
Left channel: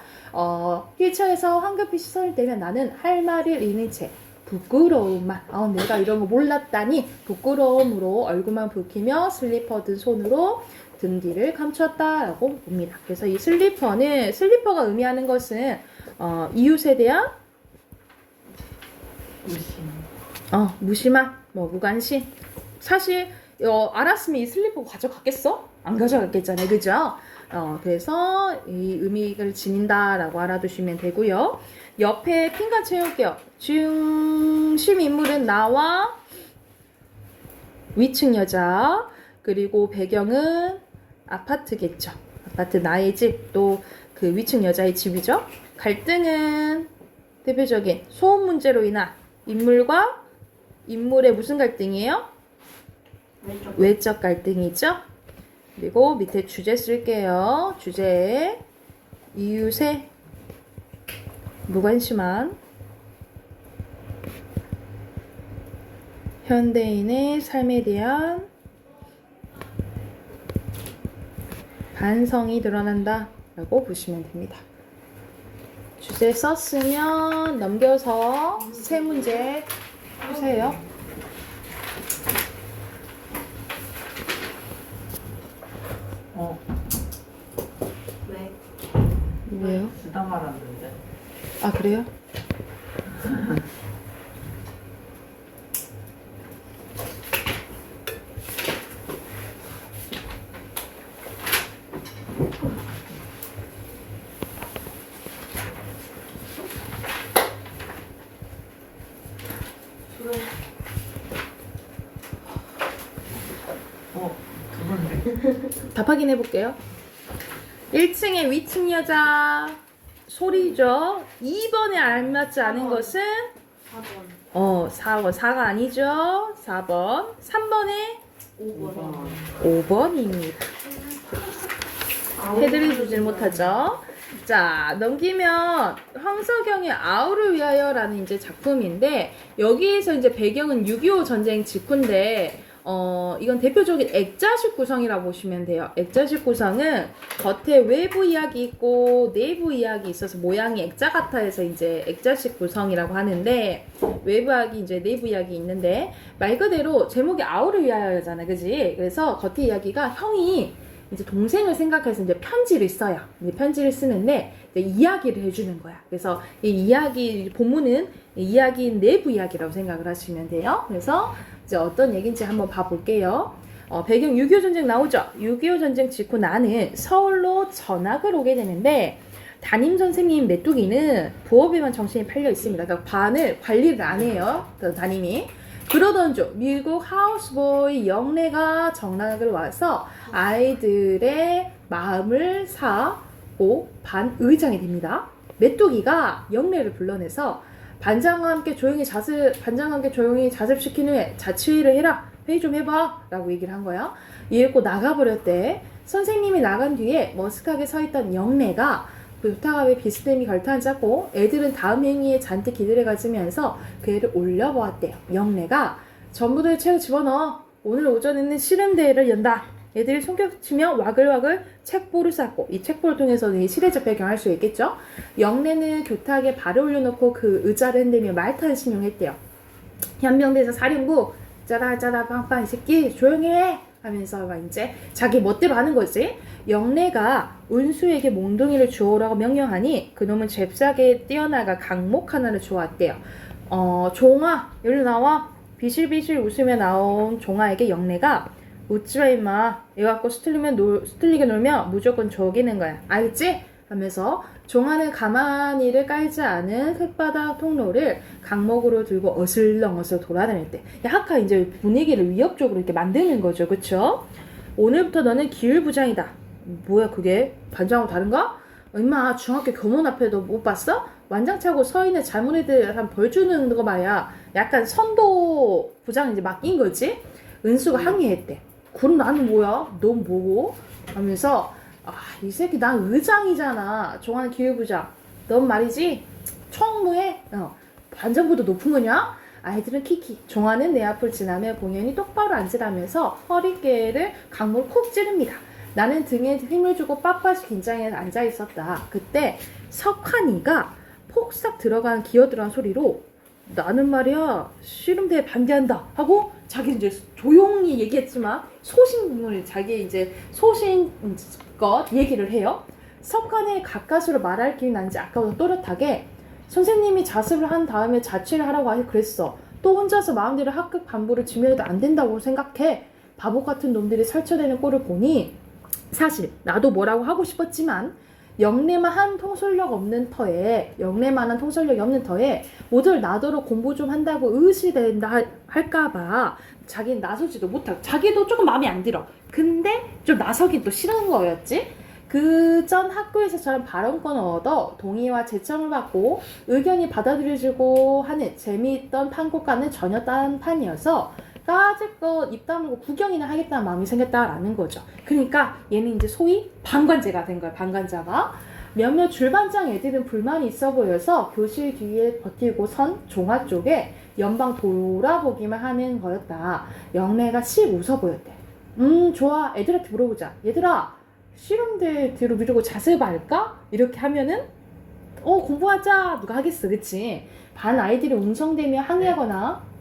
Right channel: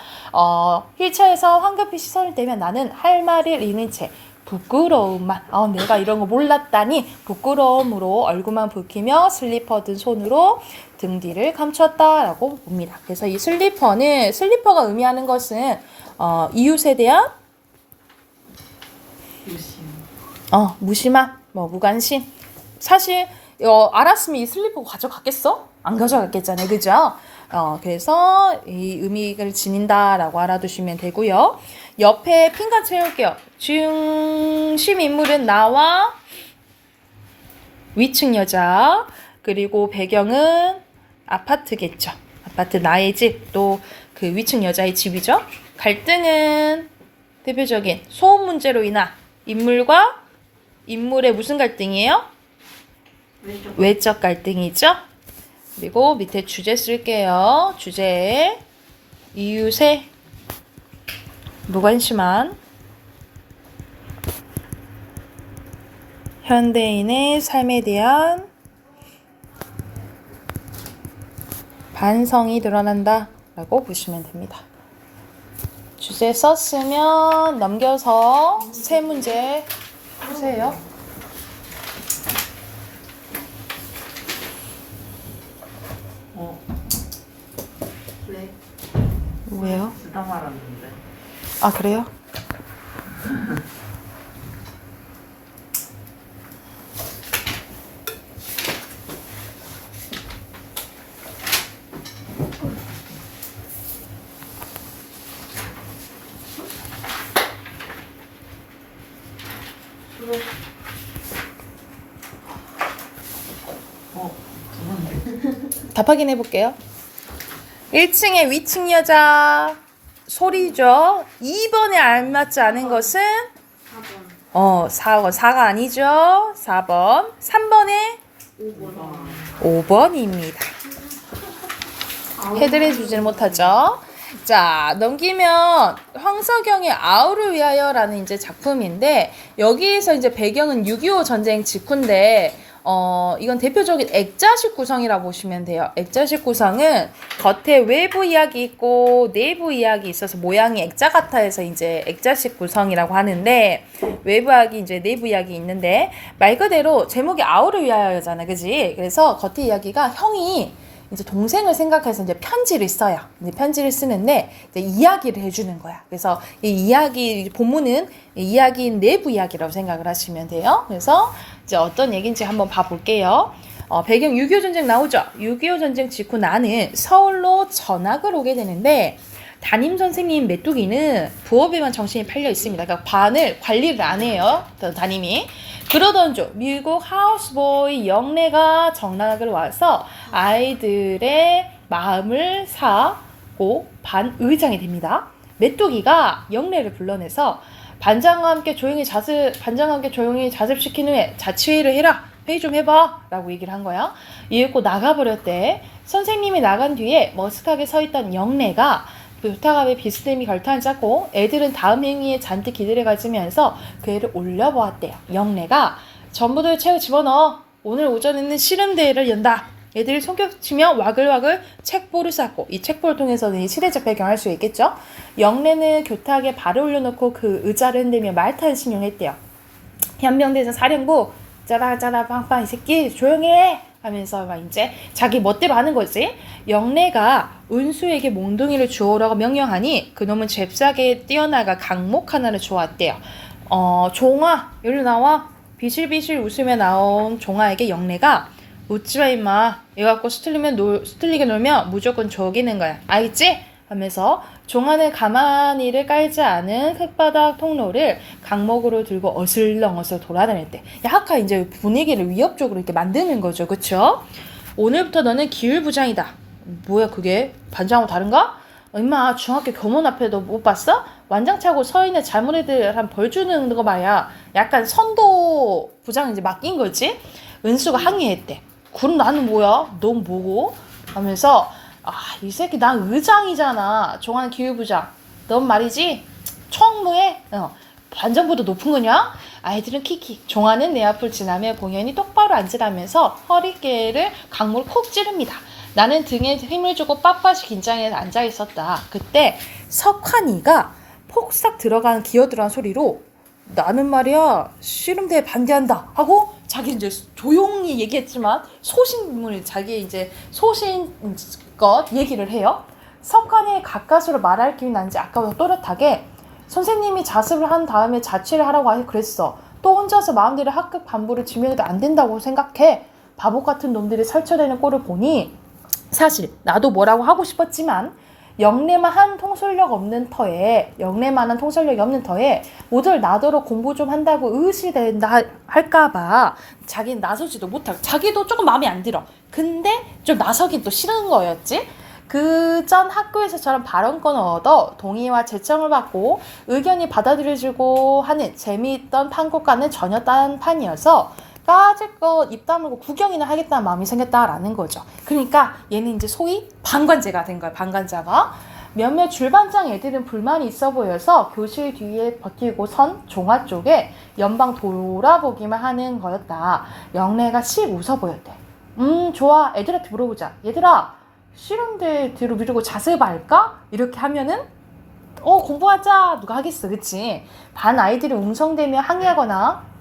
휠체어에서 황급히 시선을 떼면 나는 할 말을 잃은 채 부끄러움만 내가 이런 거 몰랐다니 부끄러움으로 얼굴만 붉히며 슬리퍼 든 손으로 등 뒤를 감췄다라고 봅니다. 그래서 이 슬리퍼가 의미하는 것은 이웃에 대한 무심. 무심한 무관심. 사실 알았으면 이 슬리퍼 가져갔겠어? 안 가져갔겠잖아요, 그죠? 그래서 이 의미를 지닌다라고 알아두시면 되고요. 옆에 핀과 채울게요. 중심 인물은 나와 위층 여자, 그리고 배경은 아파트겠죠. 아파트 나의 집, 또 그 위층 여자의 집이죠. 갈등은 대표적인 소음 문제로 인한 인물과 인물의 무슨 갈등이에요? 외적 갈등이죠. 그리고 밑에 주제 쓸게요. 주제에 이웃의 무관심한 현대인의 삶에 대한 반성이 드러난다 라고 보시면 됩니다. 주제 썼으면 넘겨서 세 문제 푸세요. 왜? 왜요? 쓰다 말았는데. 아, 그래요? 두는데. 답 확인해 볼게요. 1층의 위층 여자 소리죠. 2번에 알맞지 않은 것은 4번. 4번. 4가 아니죠. 4번. 3번에 5번. 5번입니다. 해드려 주질 못하죠. 자, 넘기면 황석영의 아우를 위하여라는 이제 작품인데, 여기에서 이제 배경은 6.25 전쟁 직후인데, 이건 대표적인 액자식 구성이라고 보시면 돼요. 액자식 구성은 겉에 외부 이야기 있고 내부 이야기 있어서 모양이 액자 같아 해서 이제 액자식 구성이라고 하는데, 외부 이야기 이제 내부 이야기 있는데, 말 그대로 제목이 아우를 위하여잖아, 그지? 그래서 겉에 이야기가 형이 이제 동생을 생각해서 이제 편지를 써요. 이제 편지를 쓰는데 이제 이야기를 해주는 거야. 그래서 이 이야기 본문은 이야기인 내부 이야기라고 생각을 하시면 돼요. 그래서 이제 어떤 얘기인지 한번 봐볼게요. 배경 6.25 전쟁 나오죠. 6.25 전쟁 직후 나는 서울로 전학을 오게 되는데, 담임 선생님 메뚜기는 부업에만 정신이 팔려 있습니다. 그러니까 반을 관리를 안 해요. 담임이. 그러던 중 미국 하우스보이 영래가 전학을 와서 아이들의 마음을 사고 반의장이 됩니다. 메뚜기가 영래를 불러내서 반장과 함께 조용히 자습시킨 후에 자치회의를 해라. 회의 좀 해봐 라고 얘기를 한 거야. 이윽고 나가버렸대. 선생님이 나간 뒤에 머쓱하게 서있던 영래가 부탁함에 비스듬히 결단을 짰고, 애들은 다음 행위에 잔뜩 기대를 가지면서 그 애를 올려보았대요. 영래가 전부들 책을 집어넣어. 오늘 오전에는 씨름대회를 연다. 애들이 손뼉치며 와글와글 책보를 쌓고, 이 책보를 통해서는 이 시대적 배경을 알 수 있겠죠. 영래는 교탁에 발을 올려놓고 그 의자를 흔들며 말타는 신용했대요. 현명대에서 사령부 짜라 빵빵 이 새끼 조용히 해 하면서 막 이제 자기 멋대로 하는 거지. 영래가 은수에게 몽둥이를 주우라고 명령하니 그놈은 잽싸게 뛰어나가 강목 하나를 주웠대요. 종아 여기 나와. 비실비실 웃으며 나온 종아에게 영래가 웃지마 임마. 이거 갖고 스틀리게 놀면 무조건 죽이는 거야. 알겠지? 하면서 종아는 가만히를 깔지 않은 쇳바닥 통로를 강목으로 들고 어슬렁어슬 돌아다닐 때 약간 이제 분위기를 위협적으로 이렇게 만드는 거죠. 그쵸? 오늘부터 너는 기율부장이다. 뭐야 그게? 반장하고 다른가? 임마 중학교 교문 앞에 너 못 봤어? 완장 차고 서 있는 잘못 애들 한 벌 주는 거 말이야. 약간 선도 부장 이제 맡긴 거지. 은수가 항의했대. 그럼 나는 뭐야? 넌 뭐고? 하면서 이 새끼 난 의장이잖아. 종아는 기율부장. 넌 말이지 총무에 반장보다 높은 거냐? 아이들은 키키. 종아는 내 앞을 지나며 공연히 똑바로 앉으라면서 허리깨를 강물을 콕 찌릅니다. 나는 등에 힘을 주고 빳빳이 긴장해서 앉아있었다. 그때 석환이가 폭삭 기어 들어간 소리로 나는 말이야 씨름대에 반대한다 하고 자기 이제 조용히 얘기했지만 소신문을 자기 이제 소신껏 얘기를 해요. 석환이 가까스로 말할 길이 난지 아까부터 또렷하게 선생님이 자습을 한 다음에 자취를 하라고 그랬어. 또 혼자서 마음대로 학급 반부를 지면해도 안 된다고 생각해. 바보 같은 놈들이 설쳐내는 꼴을 보니 사실 나도 뭐라고 하고 싶었지만 영래만한 통솔력이 없는 터에 모두 나더러 공부 좀 한다고 의시된다 할까봐 자기는 나서지도 못하고 자기도 조금 마음에 안 들어. 근데 좀 나서긴 또 싫은 거였지. 그 전 학교에서처럼 발언권을 얻어 동의와 제청을 받고 의견이 받아들여지고 하는 재미있던 판국과는 전혀 다른 판이어서 까짓것 입 다물고 구경이나 하겠다는 마음이 생겼다라는 거죠. 그러니까 얘는 이제 소위 방관자가 된 거야. 방관자가. 몇몇 줄반장 애들은 불만이 있어 보여서 교실 뒤에 버티고 선 종아 쪽에 연방 돌아보기만 하는 거였다. 영래가 씩 웃어 보였대. 좋아. 애들한테 물어보자. 얘들아, 씨름대 뒤로 미루고 자습할까? 이렇게 하면은 공부하자. 누가 하겠어. 그치? 반 아이들이 웅성대며 항의하거나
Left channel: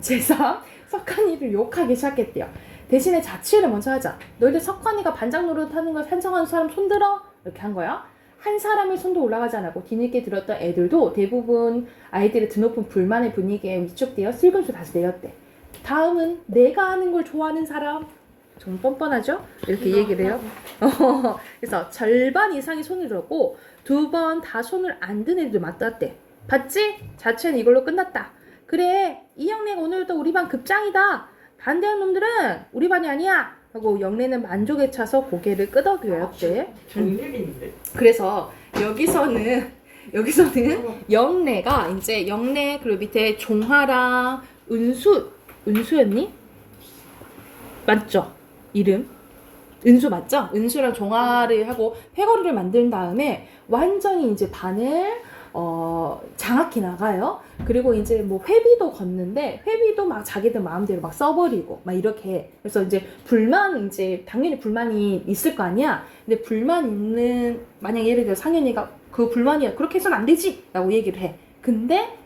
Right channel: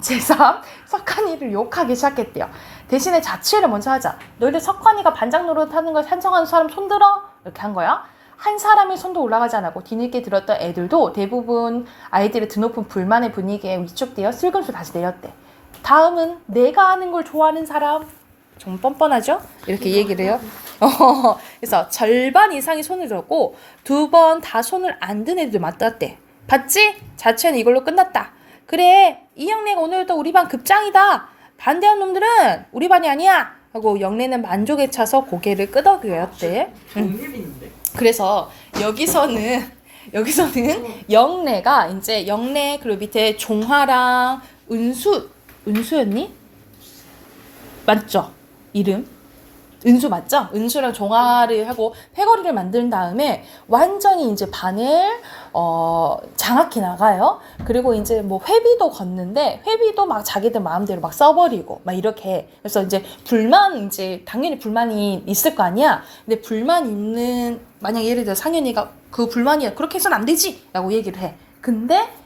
제3 석환이를 욕하기 시작했대요. 대신에 자취를 먼저 하자. 너희들 석환이가 반장 노릇하는 걸 찬성하는 사람 손들어? 이렇게 한 거야. 한 사람의 손도 올라가지 않았고 뒤늦게 들었던 애들도 대부분 아이들의 드높은 불만의 분위기에 위축되어 슬금슬 다시 내렸대. 다음은 내가 하는 걸 좋아하는 사람. 좀 뻔뻔하죠? 이렇게 얘기를 해요. 그래서 절반 이상이 손을 들었고 2번 다 손을 안 든 애들 맞았대. 봤지? 자취는 이걸로 끝났다. 그래, 이 영래가 오늘도 우리 반 급장이다. 반대한 놈들은 우리 반이 아니야. 하고 영래는 만족에 차서 고개를 끄덕였대. 정립인데? 그래서 여기서는 영래가 이제 영래 그리고 밑에 종화랑 은수였니? 맞죠? 이름? 은수 맞죠? 은수랑 종아를 하고 패거리를 만든 다음에 완전히 이제 반을 장악해 나가요. 그리고 이제 뭐 회비도 걷는데 회비도 막 자기들 마음대로 막 써버리고 막 이렇게 해. 그래서 이제 이제 당연히 불만이 있을 거 아니야. 근데 불만 있는 만약 예를 들어 상현이가 그 불만이야 그렇게 해서는 안 되지 라고 얘기를 해. 근데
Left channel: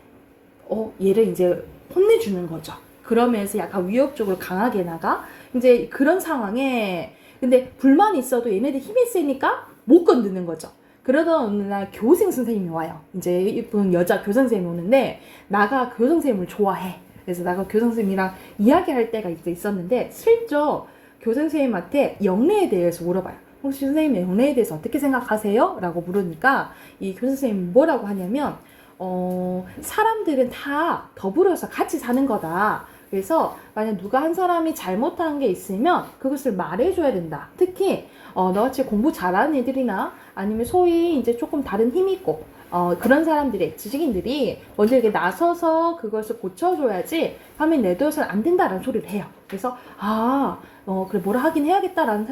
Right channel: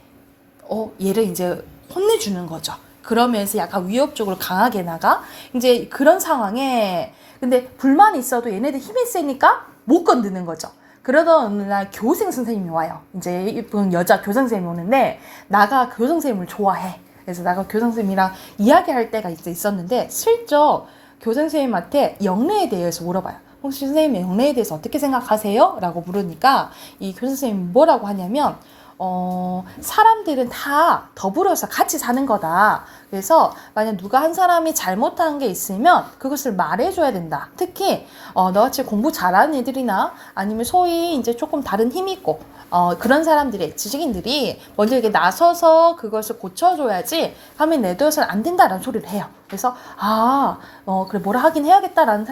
얘를 이제 혼내주는 거죠. 그러면서 약간 위협적으로 강하게 나가. 이제 그런 상황에 근데 불만이 있어도 얘네들 힘이 세니까 못 건드는 거죠. 그러던 어느 날 교생 선생님이 와요. 이제 이쁜 여자 교생 선생님이 오는데 나가 교생 선생님을 좋아해. 그래서 나가 교생 선생님이랑 이야기할 때가 있었는데 슬쩍 교생 선생님한테 영래에 대해서 물어봐요. 혹시 선생님 영래에 대해서 어떻게 생각하세요? 라고 물으니까 이 교생 선생님이 뭐라고 하냐면 사람들은 다 더불어서 같이 사는 거다. 그래서 만약 누가 한 사람이 잘못한 게 있으면 그것을 말해줘야 된다. 특히 너같이 공부 잘하는 애들이나 아니면 소위 이제 조금 다른 힘이 있고 그런 사람들이 지식인들이 먼저 이렇게 나서서 그것을 고쳐줘야지 밤에 내둬서는 안 된다라는 소리를 해요. 그래서 그래 뭐라 하긴 해야겠다라는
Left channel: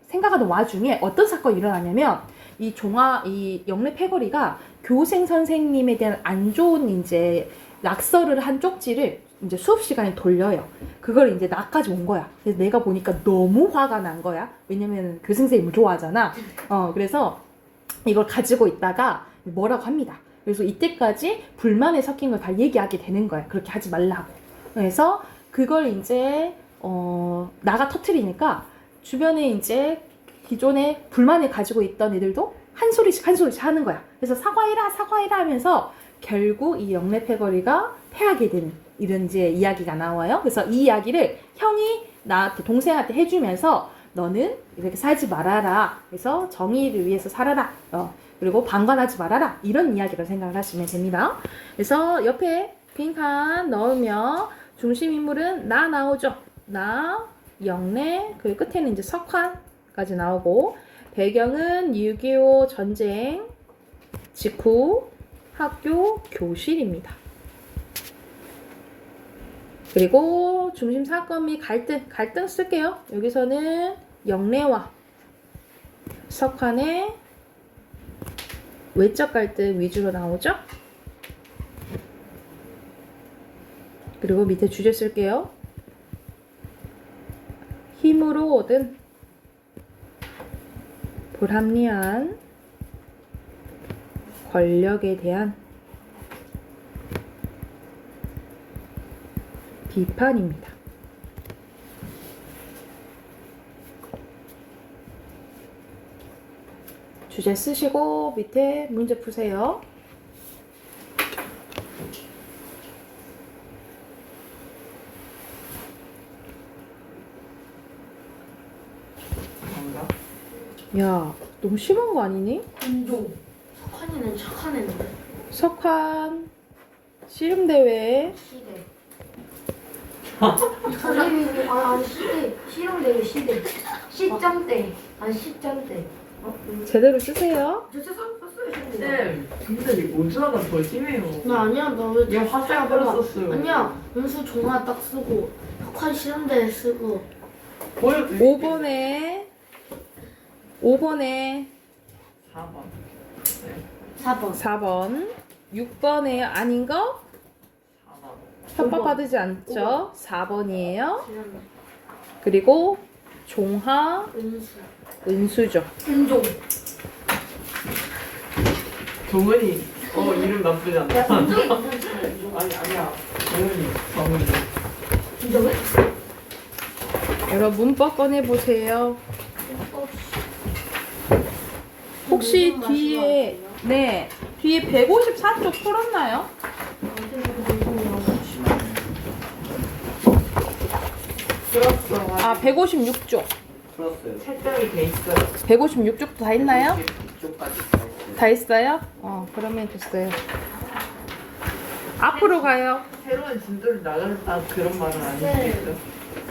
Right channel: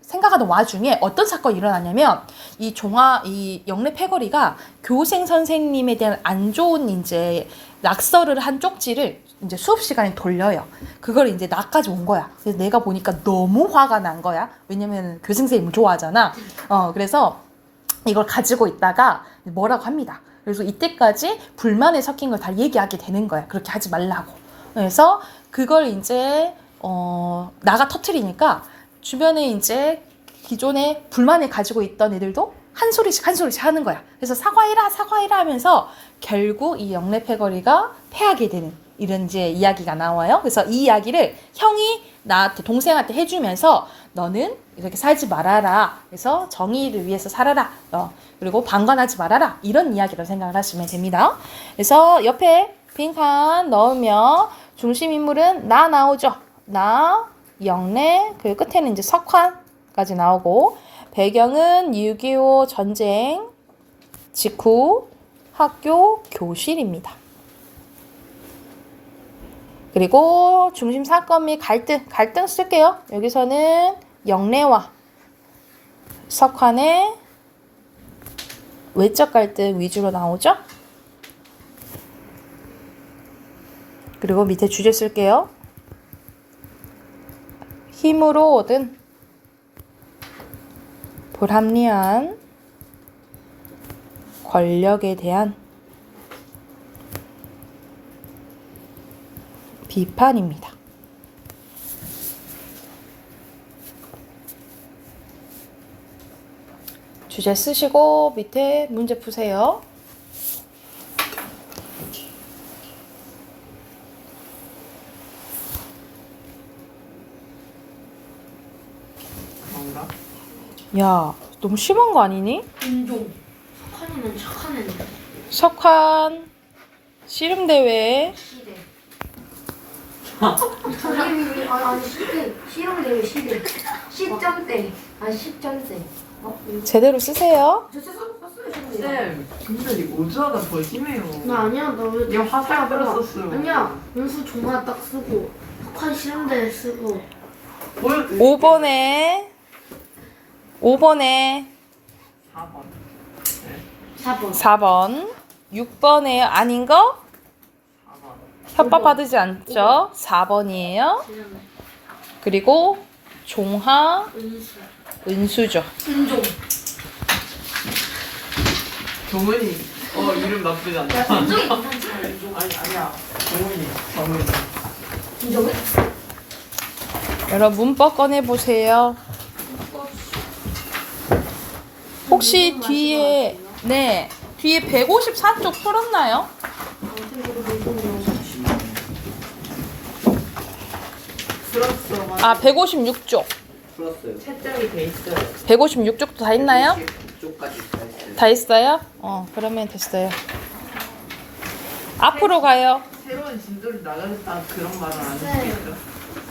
생각하는 와중에 어떤 사건이 일어나냐면 이 영래 패거리가 교생 선생님에 대한 안 좋은 이제 낙서를 한 쪽지를 이제 수업 시간에 돌려요. 그걸 이제 나까지 온 거야. 그래서 내가 보니까 너무 화가 난 거야. 왜냐면 교생 선생님을 좋아하잖아. 그래서 이걸 가지고 있다가 뭐라고 합니다. 그래서 이때까지 불만에 섞인 걸 다 얘기하게 되는 거야. 그렇게 하지 말라고. 그래서 그걸 이제 나가 터트리니까 주변에 이제 기존에 불만을 가지고 있던 애들도 한 소리씩 하는 거야. 그래서 사과해라 하면서 결국 이 영래 패거리가 패하게 되는 이런 이제 이야기가 나와요. 그래서 이 이야기를 형이 나한테 동생한테 해주면서 너는 이렇게 살지 말아라. 그래서 정의를 위해서 살아라. 그리고 방관하지 말아라. 이런 이야기로 생각을 하시면 됩니다. 그래서 옆에 빈칸 넣으면 중심 인물은 나 나오죠. 나, 영래, 그리고 끝에는 이제 석환까지 나오고 배경은 6.25 전쟁 직후 학교 교실입니다. 그리고 중심 사건 및 갈등 쓸게요. 여기서는 영래와 석환의 외적 갈등 위주로 나오죠. 그리고 밑에 주제 쓸게요. 힘으로 얻은 불합리한 권력에 대한 비판입니다. 주제 쓰시고 밑에 문제 푸세요. 뭔가? 야, 너무 심한 거 아니니? 인종. 석환이는 착한 애인데. 석환 씨름대회 시대. 선생님이 아니 시대. 실험대회 시대. 시점대. 아 시점대. 제대로 쓰세요. 저 썼어요 시험대. 쌤, 진짜 이 오주화가 더 심해요. 나 아니야 나왜 야, 화살 끌었었어요. 아니야 연수 종아 딱 쓰고 석환 실험대 쓰고. 보여줘. 5번에 4번. 4번. 4번 6번에 아닌 거 4번. 협박 받지 않죠? 4번이에요. 그리고 종하 은수. 은수죠. 인종. 동은이. 이름 나쁘지 않다. 인종이 괜찮지 않아 인종. 아니야. 동은이. 정은이. 인종은? 여러분 문법 꺼내 보세요. 혹시 뒤에 뒤에 154쪽 풀었나요? 들었어. 아 156쪽. 들었어요. 채점이 돼 있어요. 156쪽도 다 했나요? 쪽까지 다 했어요. 다 했어요? 그러면 됐어요. 앞으로 가요. 새로운 진도를 나가겠다 그런 말은 아니겠죠?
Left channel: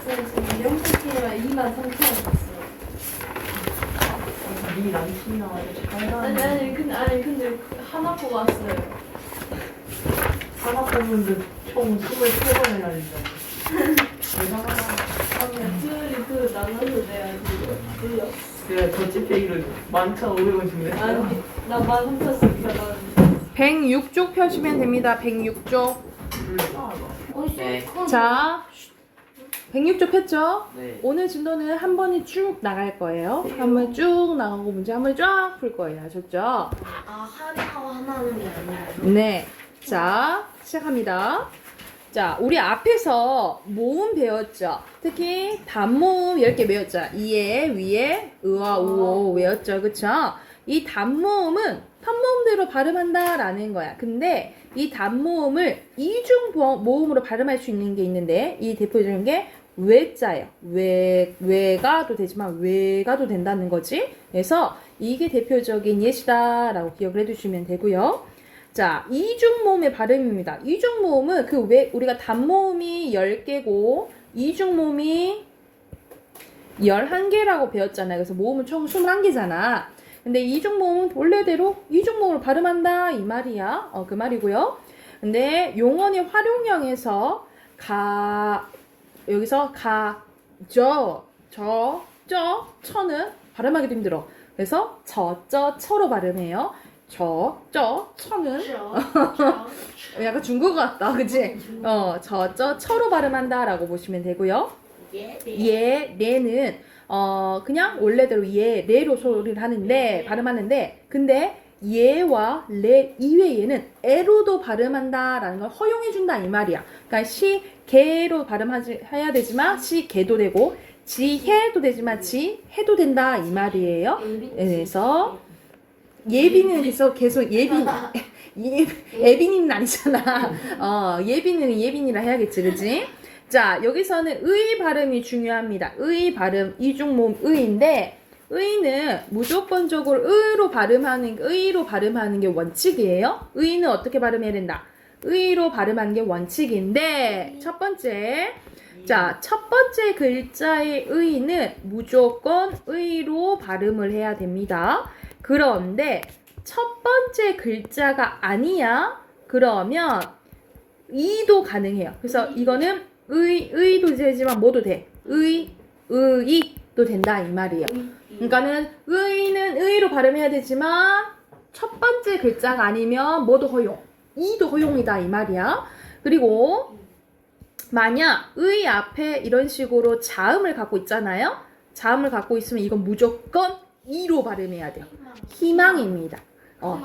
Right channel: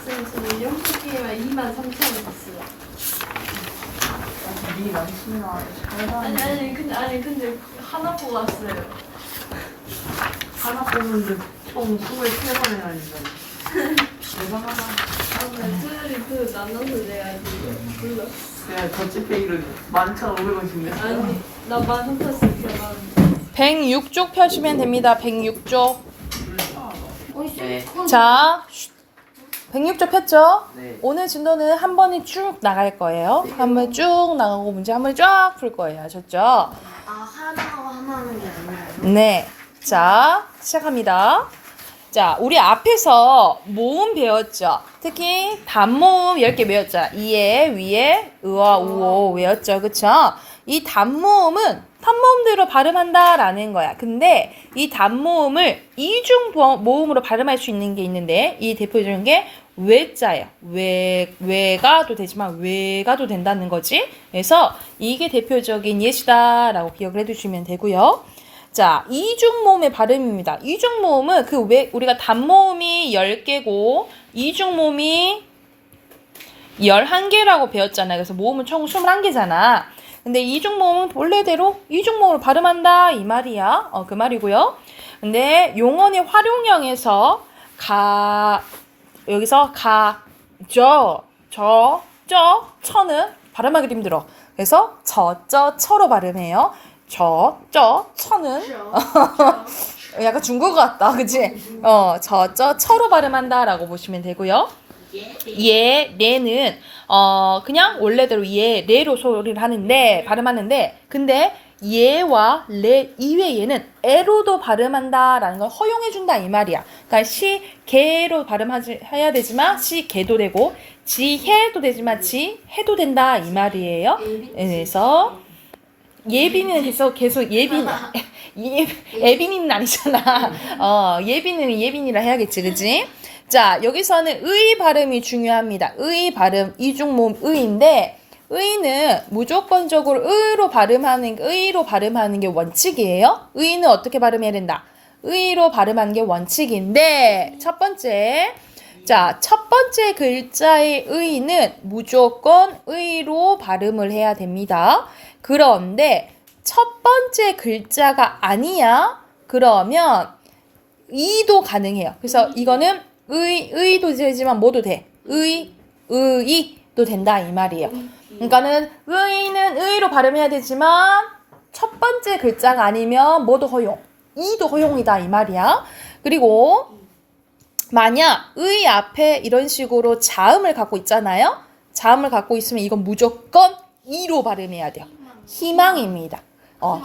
쌤 영수증에만 23,000원 썼어요. 니 남친아. 근데 하나 보고 왔어요. 하나 뽑는데 총 23번 해야 된다. 대단하다. 둘이 나눠서 내야지. 내가 더치페이를 11,500원씩 냈어. 나 13,000원. 106쪽 펴시면 됩니다. 106쪽. 네. 자, 106쪽 폈죠? 네. 오늘 진도는 한 번에 쭉 나갈 거예요. 한 번 쭉 나가고 문제 한 번 쫙 풀 거예요. 아셨죠? 아 하나하고 하나 하는 게 아니라요? 네. 자, 시작합니다. 자, 우리 앞에서 모음 배웠죠? 특히 단모음 10개 배웠죠? 이에, 위에, 의와 우오 외웠죠? 그쵸? 이 단모음은 단모음대로 발음한다 라는 거야. 근데 이 단모음을 이중 모음으로 발음할 수 있는 게 있는데 이 대표적인 게 외자예요. 외가도 되지만 외가도 된다는 거지. 그래서 이게 대표적인 예시다 라고 기억을 해두시면 되고요. 자, 이중모음의 발음입니다. 이중모음은 우리가 단모음이 10개고 이중모음이 11개라고 배웠잖아요. 그래서 모음은 총 21개잖아. 근데 이중모음은 본래대로 이중모음을 발음한다 이 말이야. 그 말이고요. 근데 용언의 활용형에서 여기서 처는 발음하기도 힘들어. 그래서 처로 발음해요. 처는 약간 중국어 같다, 그치? 처로 발음한다라고 보시면 되고요. 레는 그냥 원래대로 레로 소리를 하는데 발음하는데 근데 예와 레 이외에는 에로도 발음한다라는 걸 허용해준다 이 말이야. 그러니까 시개로 발음해야 되지만 시개도 되고 지해도 되지만 지해도 된다 이 말이에요. 그래서 예빈은 계속 예빈이는 아니잖아. 예빈은 예빈이라 해야겠지, 그치? 자, 여기서는 의 발음이 중요합니다. 의 발음, 이중모음 의인데, 의는 무조건적으로 의로 발음하는 게 원칙이에요. 의는 어떻게 발음해야 된다? 의로 발음하는 게 원칙인데, 첫 번째 글자의 의는 무조건 의로 발음을 해야 됩니다. 그런데 첫 번째 글자가 아니야? 그러면 이도 가능해요. 그래서 이거는 의도 되지만 뭐도 돼? 의도 된다 이 말이에요. 그러니까는 의는 의로 발음해야 되지만 첫 번째 글자가 아니면 뭐도 허용? 이도 허용이다 이 말이야. 그리고 만약 의 앞에 이런 식으로 자음을 갖고 있잖아요. 자음을 갖고 있으면 이건 무조건 이로 발음해야 돼요. 희망입니다.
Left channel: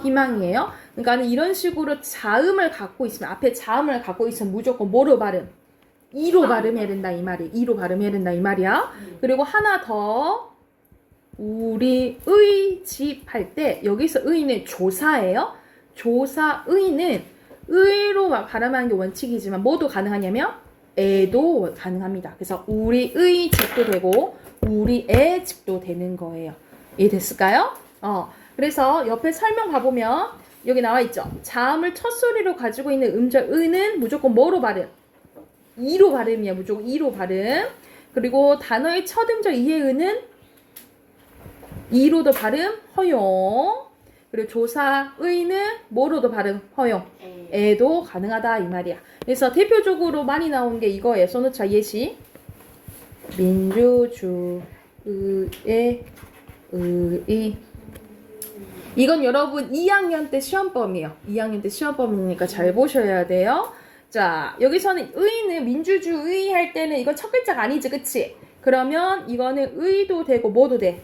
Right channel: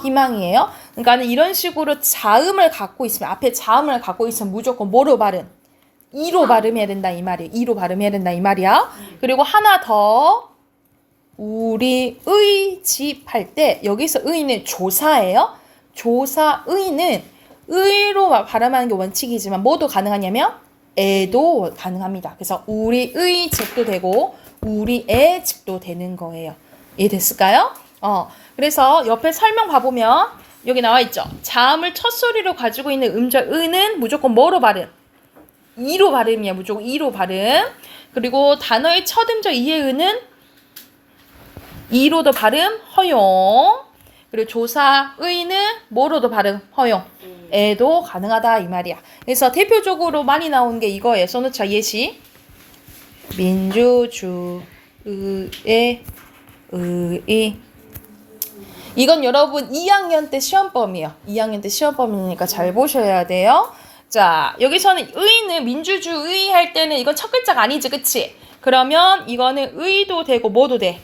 희망이에요. 그러니까 이런 식으로 자음을 갖고 있으면 앞에 자음을 갖고 있으면 무조건 뭐로 발음? 이로 발음해야 된다 이 말이에요. 이로 발음해야 된다 이 말이야. 그리고 하나 더 우리의 집 할 때 여기서 의는 조사예요. 조사의는 의로 발음하는 게 원칙이지만 뭐도 가능하냐면 애도 가능합니다. 그래서 우리의 집도 되고 우리의 집도 되는 거예요. 이해됐을까요? 그래서 옆에 설명 봐보면 여기 나와 있죠. 자음을 첫 소리로 가지고 있는 음절 의는 무조건 뭐로 발음? 이로 발음이야. 무조건 이로 발음. 그리고 단어의 첫 음절 이의 의는 이로도 발음 허용. 그리고 조사의는 뭐로도 발음 허용. 애도 가능하다 이 말이야. 그래서 대표적으로 많이 나오는 게 이거예요. 써놓자 예시. 민주주의의 의. 이건 여러분 2학년 때 시험범이에요. 2학년 때 시험범이니까 잘 보셔야 돼요. 자, 여기서는 의는 민주주의 할 때는 이건 첫 글자가 아니지, 그치? 그러면 이거는 의도 되고 뭐도 돼?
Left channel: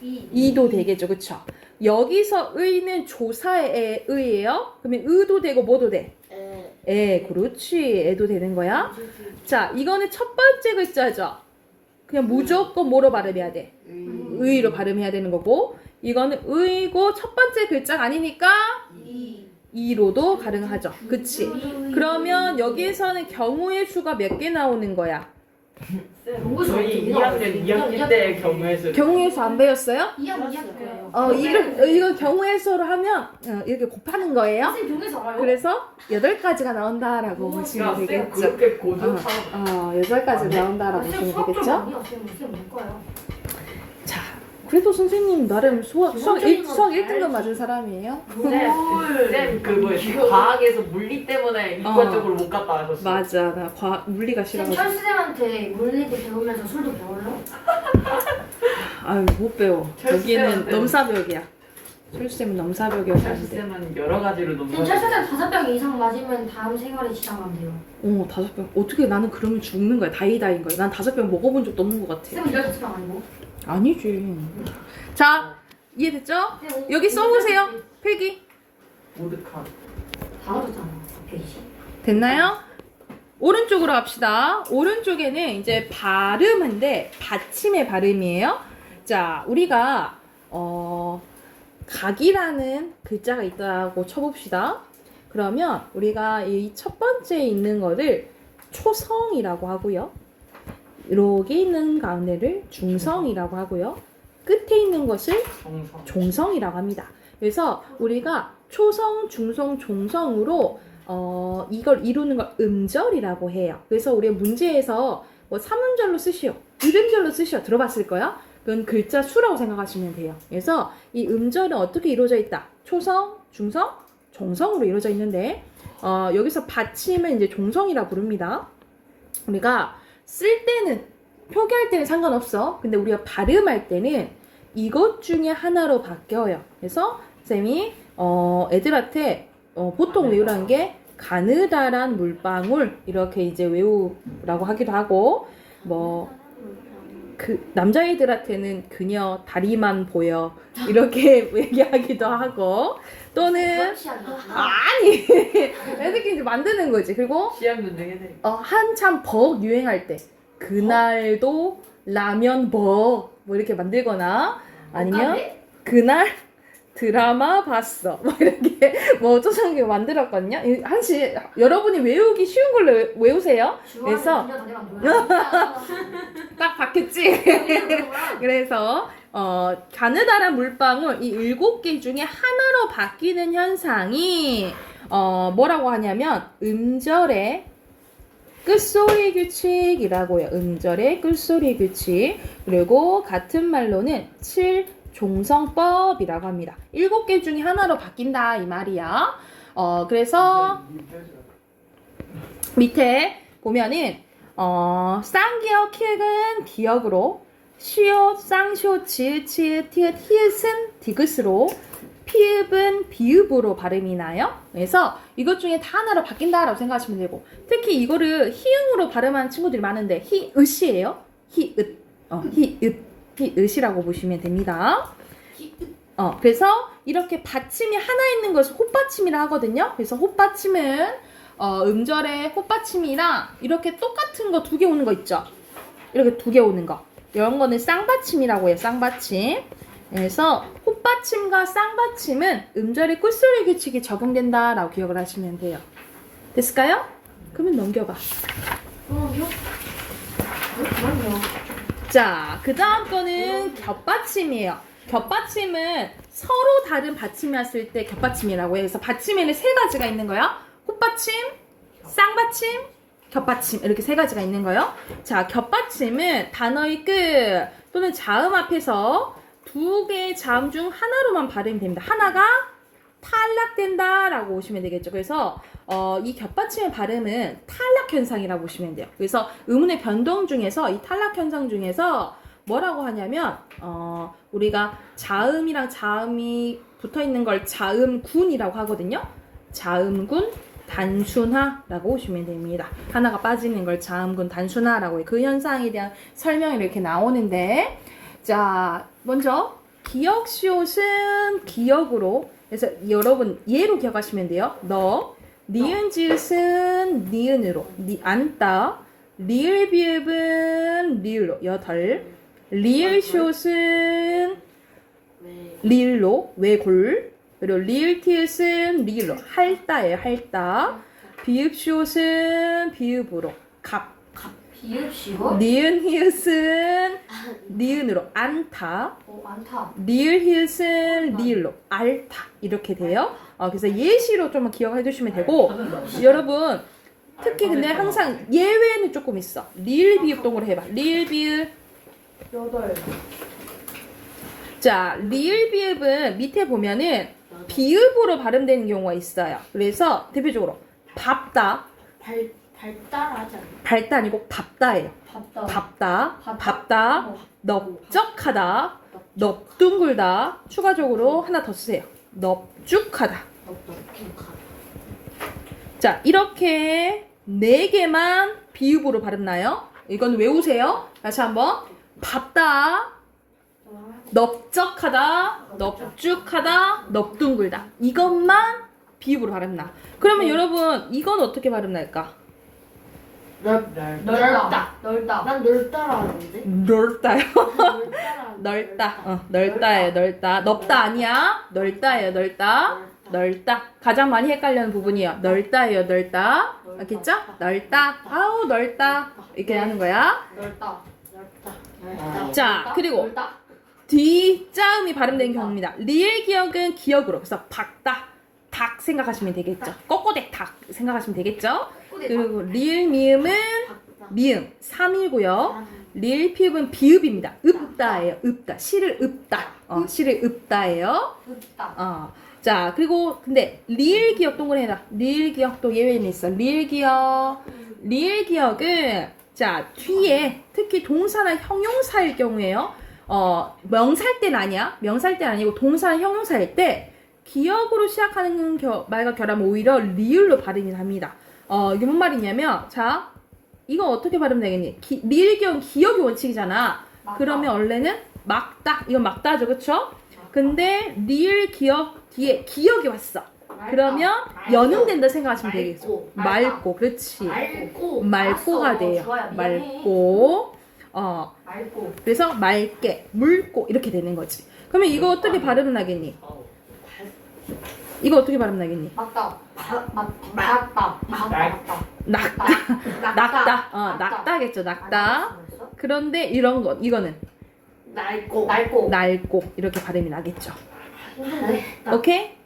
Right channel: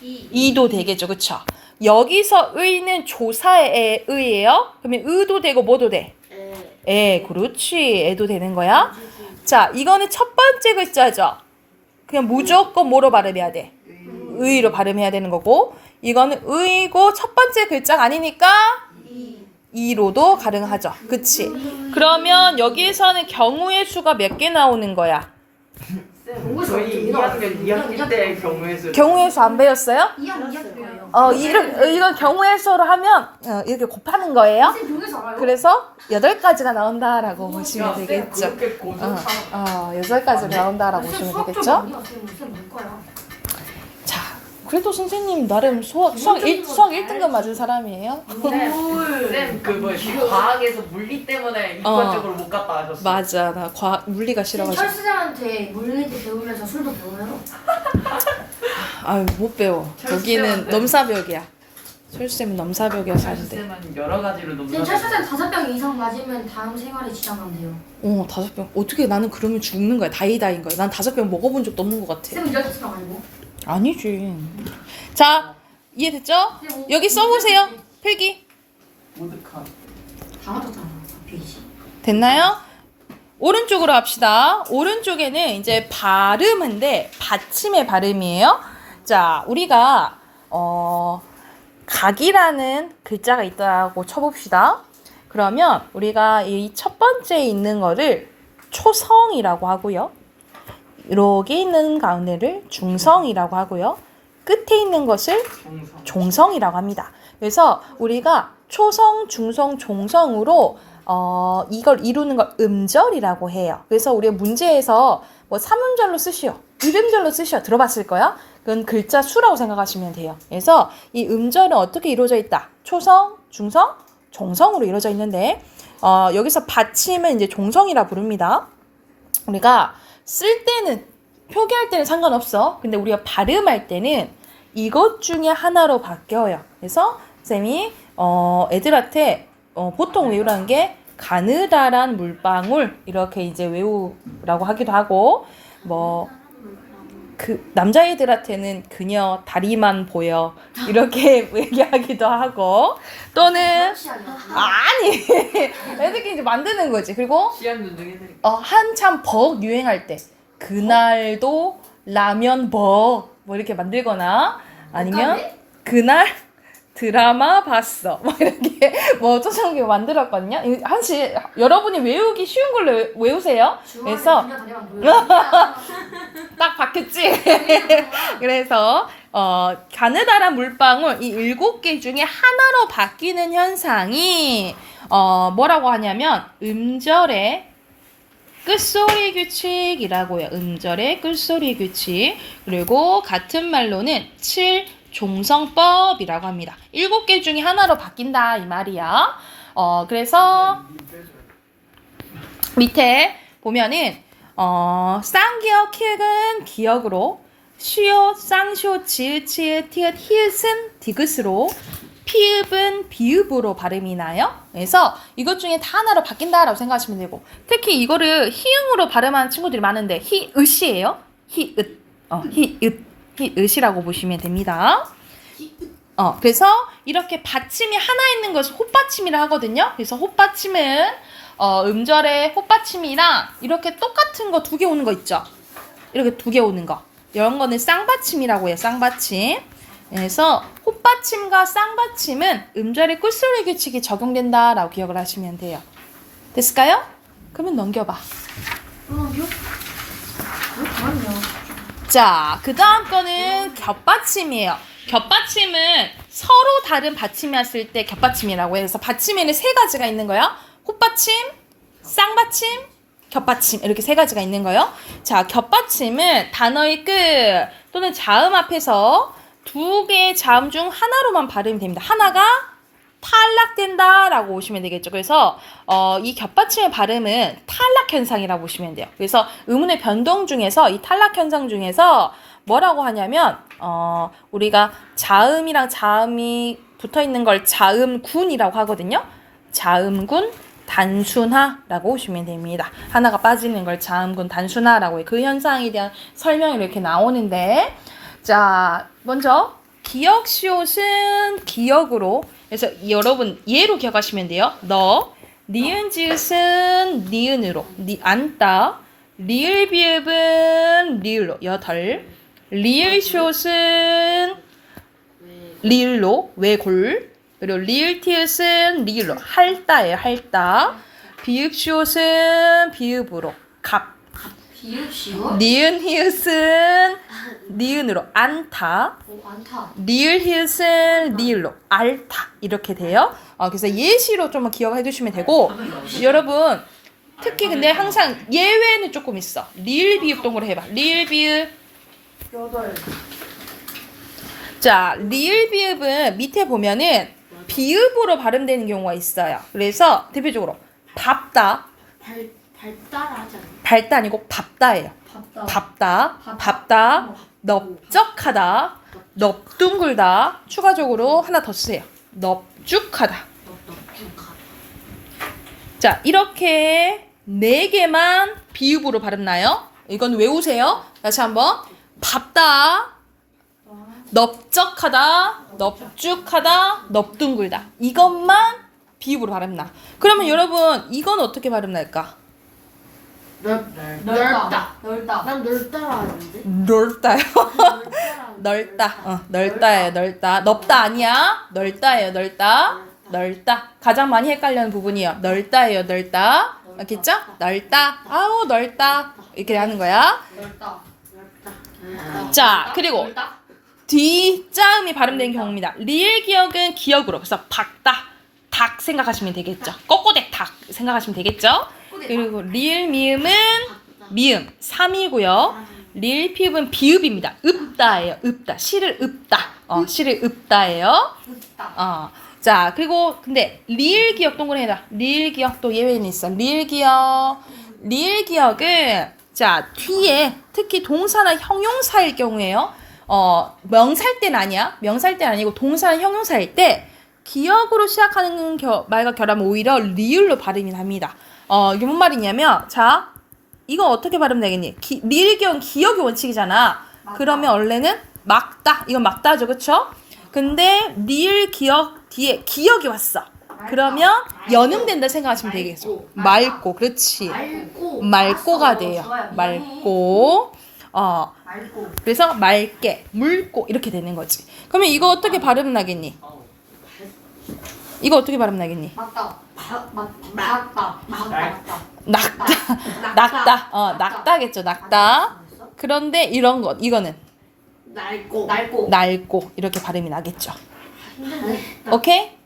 이도 되겠죠, 그쵸? 여기서 의는 조사의 의예요. 그러면 의도 되고 뭐도 돼? 그렇지. 애도 되는 거야. 자, 이거는 첫 번째 글자죠. 그냥 무조건 뭐로 발음해야 돼? 의로 발음해야 되는 거고, 이거는 의고 첫 번째 글자가 아니니까 이로도 가능하죠. 그치? 그러면 여기에서는 경우의 수가 몇 개 나오는 거야? 저희 2학년 때 경우에서 경우의 수 안 배웠어요? 2학년 이건 경우의 수로 하면 이렇게 곱하는 거예요. 선생님 동네에서 알아요? 그래서 8가지가 나온다라고 보시면 되겠죠. 그렇게 고정하고 8가지가 나온다라고 보시면 되겠죠. 아니야. 쌤 문과야. 자, 그래도 선생님 나름 수학 1등급 맞은 사람이에요. 쌤 과학에서 물리 때문에 이과 쪽으로 못 갔다 하셨어. 맞아, 나 물리가 쌤 싫어가지고. 철수쌤한테 물리도 배우면서 술도 배워요? 아유, 못 배워. 여기는 넘사벽이야. 철수쌤은 넘사벽이어서 안 돼. 쌤은 여러 가지로 쌤 너무 철수쌤 5병 이상 맞으면 다음 생활에 지장하면 돼요. 5병. 어떻게 나는 그러면 죽는 거야. 다이다인 거야. 난 5병 먹어본 적도 없는 것 같아. 쌤은 15병 아니고? 아니지. 자, 이해됐죠? 여기 써보세요. 필기. 오득한. 다 맞았잖아. 페이지. 됐나요? 오른쪽으로 합시다. 오른쪽에는 이제 발음인데 받침의 발음이에요. 자, 우리가 각이라는 글자가 있다고 쳐봅시다. 그러면 우리가 이 첫 번째에 있는 거를 초성이라고 하고요. 이렇게 있는 가운데를 중성이라고 하고요. 끝에 있는 것을 종성이라고 합니다. 그래서 우리가 초성, 중성, 종성으로 이걸 이루는 걸 음절이라고 해요. 그래서 우리가 문제에서 뭐 3음절로 쓰시오, 1음절로 쓰시오 들어봤을 거야. 그건 글자 수라고 생각하시면 돼요. 그래서 이 음절은 어떻게 이루어져 있다? 초성, 중성, 종성으로 이루어져 있는데 여기서 받침은 이제 종성이라 부릅니다. 우리가 쓸 때는 표기할 때는 상관없어. 근데 우리가 발음할 때는 이것 중에 하나로 바뀌어요. 그래서 쌤이 애들한테 보통 외우라는 게 가느다란 물방울 이렇게 이제 외우라고 하기도 하고 뭐 그 남자애들한테는 그녀 다리만 보여 이렇게 얘기하기도 하고 또는 아니 애들끼리 이제 만드는 거지. 그리고 시험전등 해드릴게요. 한참 벅 유행할 때 그날도 라면 벅 뭐 이렇게 만들거나 아니면 그날 드라마 봤어 뭐 이렇게 뭐 조성기 만들었거든요. 한시 여러분이 외우기 쉬운 걸로 외우세요. 그래서 딱 박혔지. 그래서 가느다란 물방울 이 7개 중에 하나로 바뀌는 현상이 뭐라고 하냐면 음절의 끝소리 규칙이라고요. 음절의 끝소리 규칙. 그리고 같은 말로는 7종성법이라고 합니다. 7개 중에 하나로 바뀐다 이 말이야. 그래서 밑에 보면은 쌍기역 키읔은 기역으로 시옷, 쌍시옷, 지읒, 치읒, 티읒, 히읗은 디귿으로 피읍은 비읍으로 발음이 나요. 그래서 이것 중에 다 하나로 바뀐다라고 생각하시면 되고 특히 이거를 히읗으로 발음하는 친구들이 많은데 히읗이에요. 히읗, 히읗이라고 보시면 됩니다. 그래서 이렇게 받침이 하나 있는 것을 헛받침이라 하거든요. 그래서 헛받침은 음절에 헛받침이랑 이렇게 똑같은 거 두 개 오는 거 있죠. 이렇게 두 개 오는 거. 이런 거는 쌍받침이라고 해요. 쌍받침. 그래서 헛받침과 쌍받침은 음절의 끝소리 규칙이 적용된다라고 기억을 하시면 돼요. 됐을까요? 그러면 넘겨봐. 그럼요. 자, 그 다음 거는 겹받침이에요. 겹받침은 서로 다른 받침이었을 때 겹받침이라고 해서 받침에는 세 가지가 있는 거예요. 헛받침, 쌍받침, 겹받침 이렇게 세 가지가 있는 거예요. 자, 겹받침은 단어의 끝 또는 자음 앞에서 두 개의 자음 중 하나로만 발음이 됩니다. 하나가 탈락된다라고 보시면 되겠죠. 그래서 이 겹받침의 발음은 탈락 현상이라고 보시면 돼요. 그래서 의문의 변동 중에서 이 탈락 현상 중에서 뭐라고 하냐면 우리가 자음이랑 자음이 붙어 있는 걸 자음군이라고 하거든요. 자음군 단순화라고 보시면 됩니다. 하나가 빠지는 걸 자음군 단순화라고 해요. 그 현상에 대한 설명이 이렇게 나오는데, 자, 먼저 기역 시옷은 기역으로, 그래서 여러분 예로 기억하시면 돼요. 너, 니은 지읒은 니은으로, 안따, 리을 비읍은 리을로, 여덟, 리을 시옷은 리을로, 외골, 그리고 리을 티읕은 리을로, 할따예요. 할따. 비읍 시옷은 비읍으로, 갑. 비읍시오? 니은 히읗은 니은으로, 안타. 안타. 리을 히읗은 리을로, 알타. 이렇게 돼요. 그래서 예시로 좀 기억해 두시면 되고, 여러분 특히 근데 항상 예외는 조금 있어. 리을 비읍 동그로 해봐. 리을 비읍. 여덟. 자, 리을 비읍은 밑에 보면은 비읍으로 발음되는 경우가 있어요. 그래서 대표적으로 밥다. 발달하지 않나? 발다 아니고 밥다예요. 밥다. 밥다, 넓적하다, 넓둥글다. 추가적으로 하나 더 쓰세요. 넓죽하다. 자, 이렇게 네 개만 비읍으로 발음 나요. 이건 외우세요. 다시 한번. 밥다, 넓적하다, 넓죽하다, 넓둥글다. 이것만 비읍으로 발음 나. 그러면 여러분 이건 어떻게 발음 날까? 넓다. 난 넓다라 하는데. 넓다요. 넓다라. 넓다. 넓다예요. 넓다. 넓다 아니야. 넓다예요. 넓다. 가장 많이 헷갈리는 부분이에요. 넓다예요. 넓다. 알겠죠? 넓다. 아우 넓다. 이렇게 하는 거야. 넓다. 자, 그리고 뒷자음이 발음된 경우입니다. 리을 기역은 기역으로. 그래서 박다, 닭 생각하시면 되겠죠. 꼬꼬댁 닭 생각하시면 되겠죠. 그리고 리을 미음은 미음 3이고요. 리을 피읍은 비읍입니다. 읍다예요. 읍다. 시를 읍다. 시를 읍다예요. 자, 그리고 근데 리을 기역 동그랗게 해라. 리을 기역도 예외는 있어. 리을 기역은 자, 뒤에 특히 동사나 형용사일 경우에요. 명사일 때는 아니야. 명사일 때는 아니고 동사나 형용사일 때 기역으로 시작하는 말과 결하면 오히려 리을로 발음이 납니다. 이게 뭔 말이냐면, 자, 이거 어떻게 발음되겠니? 리을 기역은 기역의 원칙이잖아. 그러면 원래는 막다. 이건 막다죠, 그쵸? 근데 리을 기역 뒤에 기역이 왔어. 그러면 연음된다 생각하시면 되겠어. 맑고, 그렇지. 맑고가 돼요. 맑고. 그래서 맑게, 묽고 이렇게 되는 거지. 그러면 이거 어떻게 발음 나겠니? 이거 어떻게 발음 나겠니? 낙다겠죠. 낙다. 그런데 이거는 낡고 이렇게 발음이 나겠죠. 오케이?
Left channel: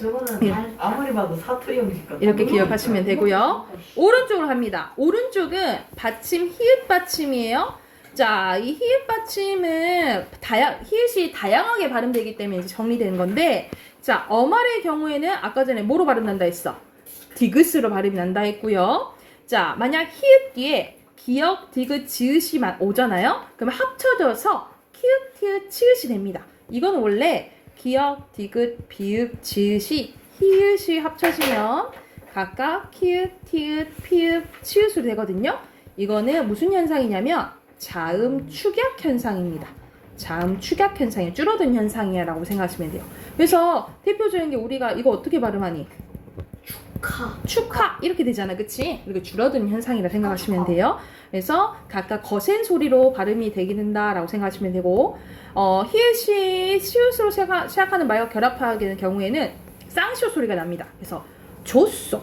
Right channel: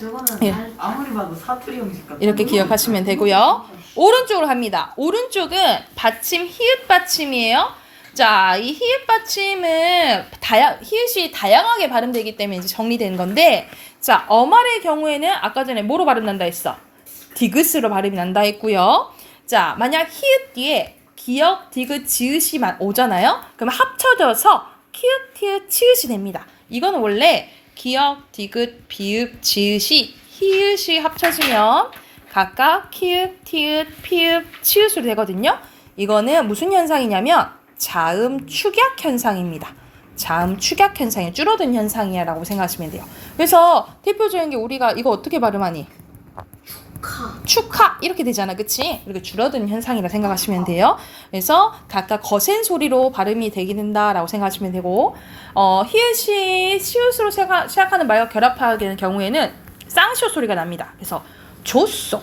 저거는 예. 아무리 봐도 사투리 형식 같아. 이렇게 기억하시면 되고요. 오른쪽으로 합니다. 오른쪽은 받침 히읗 받침이에요. 자, 이 히읗 받침은 히읗이 다양하게 발음되기 때문에 이제 정리된 건데, 자, 어말의 경우에는 아까 전에 뭐로 발음 난다 했어? 디귿으로 발음이 난다 했고요. 자, 만약 히읗 뒤에 기역, 디귿, 지읒이만 오잖아요. 그러면 합쳐져서 키읔, 티읕, 치읒이 됩니다. 이건 원래 기역, 디귿, 비읍, 지읒이 히읗이 합쳐지면 각각 키읔, 티읕, 피읕, 치읒으로 되거든요. 이거는 무슨 현상이냐면 자음 축약 현상입니다. 자음 축약 현상이 줄어든 현상이야라고 생각하시면 돼요. 그래서 대표적인 게 우리가 이거 어떻게 발음하니? 축하 이렇게 되잖아, 그치? 그리고 줄어든 현상이라 생각하시면 돼요. 그래서 각각 거센 소리로 발음이 되게 된다라고 생각하시면 되고, 히읗이 시옷으로 시작하는 말과 결합하게 되는 경우에는 쌍시옷 소리가 납니다. 그래서 줬어,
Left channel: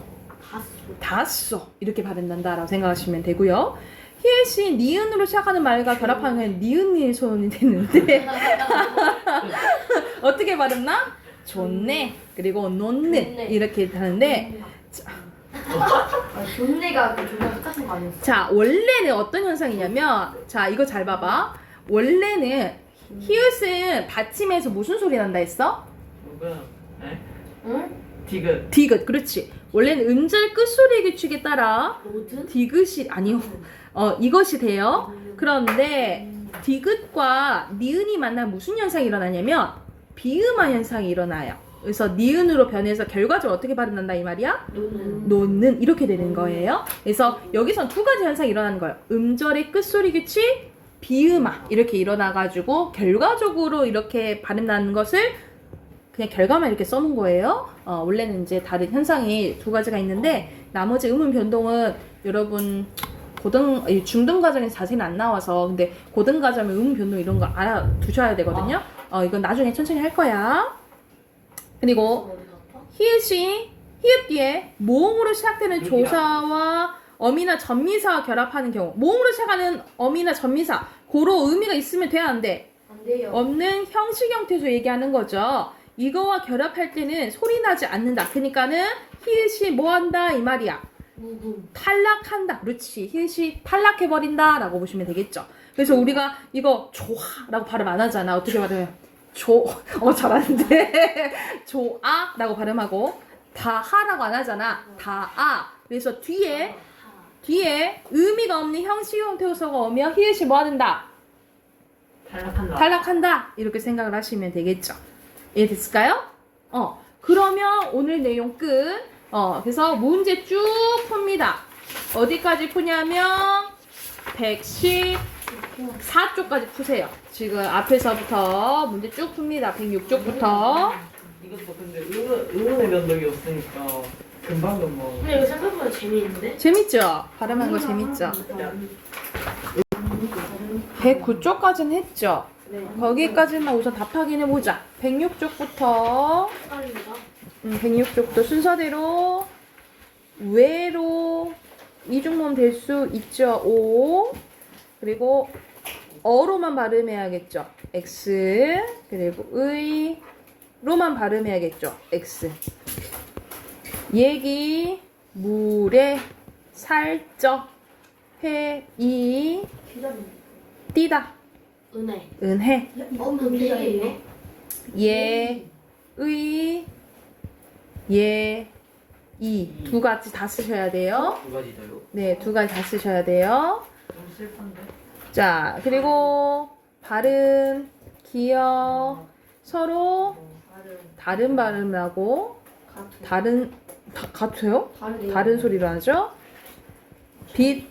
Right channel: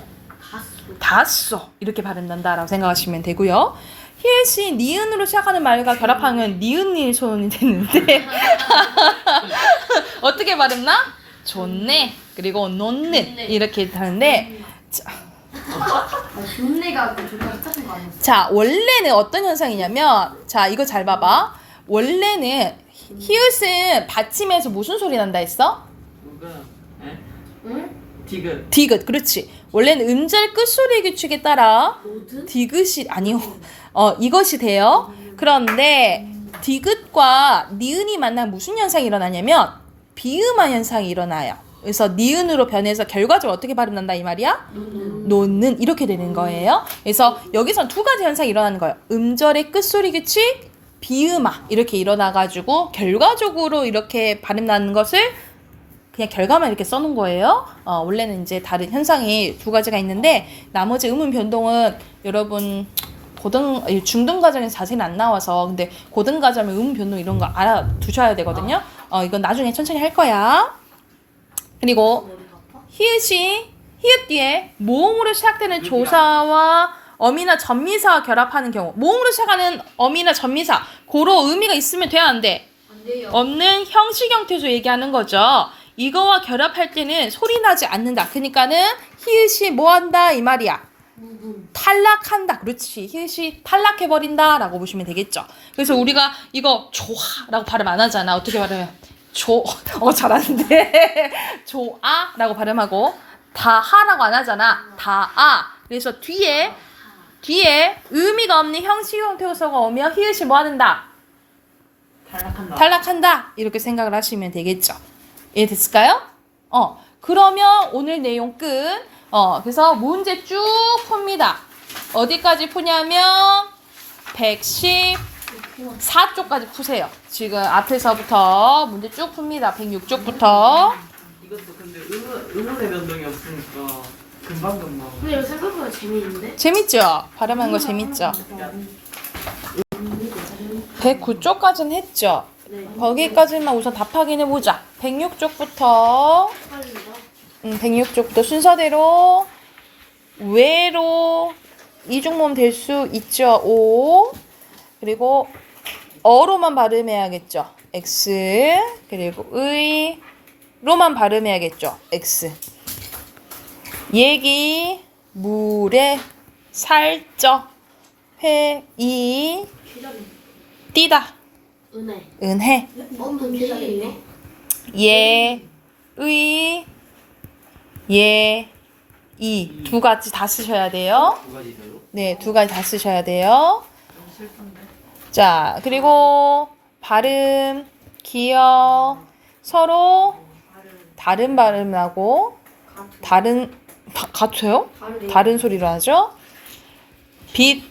닿았어 이렇게 발음난다라고 생각하시면 되고요. 히읗이 니은으로 시작하는 말과 결합하면 니은니 소음이 되는데 어떻게 발음나? 좋네 그리고 놓네 이렇게 하는데 존내가 그 존나 똑같은 거 아니었어? 자 원래는 어떤 현상이냐면 자 이거 잘 봐봐. 원래는 히읗은 받침에서 무슨 소리 난다 했어? 응? 디귿. 디귿 그렇지. 원래는 음절 끝소리 규칙에 따라 로드? 디귿이 아니요 이것이 돼요. 그런데 디귿과 니은이 만나면 무슨 현상이 일어나냐면 비음화 현상이 일어나요. 그래서 니은으로 변해서 결과적으로 어떻게 발음난다 이 말이야? 놓는 이렇게 되는 거예요. 그래서 여기선 두 가지 현상이 일어나는 거예요. 음절의 끝소리 규칙, 비음화 이렇게 일어나가지고 결과적으로 이렇게 발음나는 것을 그냥 결과만 이렇게 써놓은 거예요. 원래는 이제 다른 현상이 두 가지가 있는데 나머지 음운 변동은 여러분 중등 과정에서 자세히는 안 나와서 근데 고등 과정은 음운 변동 이런 거 알아두셔야 되거든요. 이건 나중에 천천히 할 거야. 그리고 히읗 뒤에 모음으로 시작되는 조사와 어미나 전미사와 결합하는 경우 모음으로 시작하는 어미나 전미사 고로 의미가 있으면 돼야 안 돼? 안 돼요. 없는 형식 형태에서 얘기하는 거죠. 이거와 결합할 때는 소리 나지 않는다. 그러니까는 히읗이 뭐 한다 이 말이야. 탈락한다. 그렇지. 히읗이 탈락해버린다 라고 보시면 되겠죠. 그래서 우리가 이거 좋아라고 발음 안 하잖아. 어떻게 발음해? 잘하는데 좋아라고 발음하고 다하라고 안 하잖아. 다아. 그래서 뒤에 의미가 없는 형식 형태소가 오면 히읗이 뭐 하는다? 탈락한다. 이렇게 생각을 하시면 되겠죠. 이해됐을까요? 그러면 오늘 내용 끝. 그래서 문제 쭉 풉니다. 어디까지 푸냐면 114쪽까지 푸세요. 지금 앞에서부터 문제 쭉 풉니다. 106쪽부터. 이것도 근데 의문의 변동이 없으니까 금방. 근데 이거 생각보다 재미있는데? 재밌죠? 발음한 거 재밌죠? 109쪽까지는 했죠? 네. 거기까지만 우선 답하긴 해보자. 106쪽부터 106쪽도 순서대로 외로 이중모음 될 수 있죠. 오 그리고 어로만 발음해야겠죠. X 그리고 의로만 발음해야겠죠. X 얘기 물에 살쪄 회이 띠다 은혜 기다리네. 이 두 가지 다 쓰셔야 돼요. 두 가지 별로. 네, 두 가지 다 쓰셔야 돼요. 좀 슬픈데. 자, 그리고 발음, 기억 서로 다른 발음하고 같아요? 다른 소리로 하죠. 빛,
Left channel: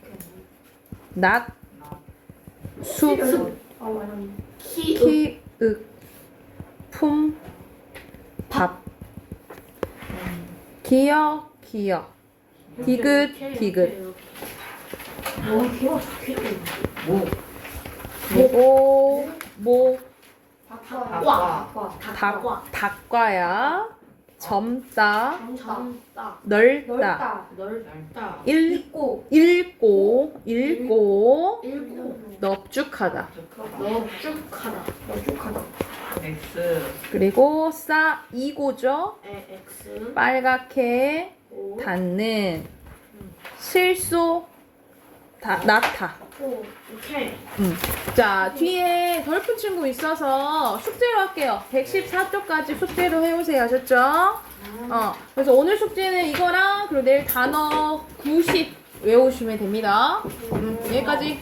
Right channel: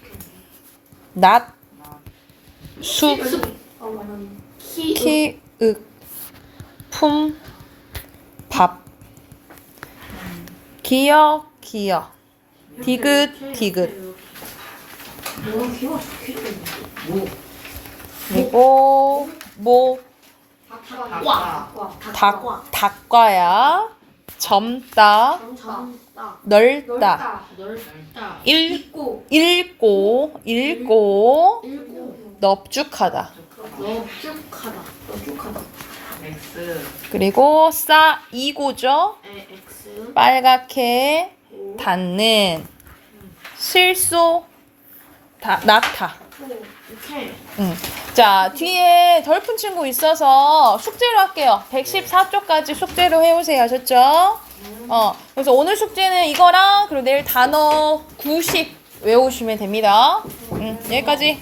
낮, 숲, 키, 품, 밥, 기억, 디귿, 너무 귀여워. 좋겠다. 그리고 닭과야, 젊다, 넓다, 읽고, 넙죽하다. X. 그리고 이고죠. X. 빨갛게 닿는 실소 나타. 오케이. 자, 뒤에 덜 푼 친구 있어서 숙제로 할게요. 114쪽까지 숙제로 해오세요. 아셨죠? 그래서 오늘 숙제는 이거랑 그리고 내일 단어 90 외우시면 됩니다. 여기까지.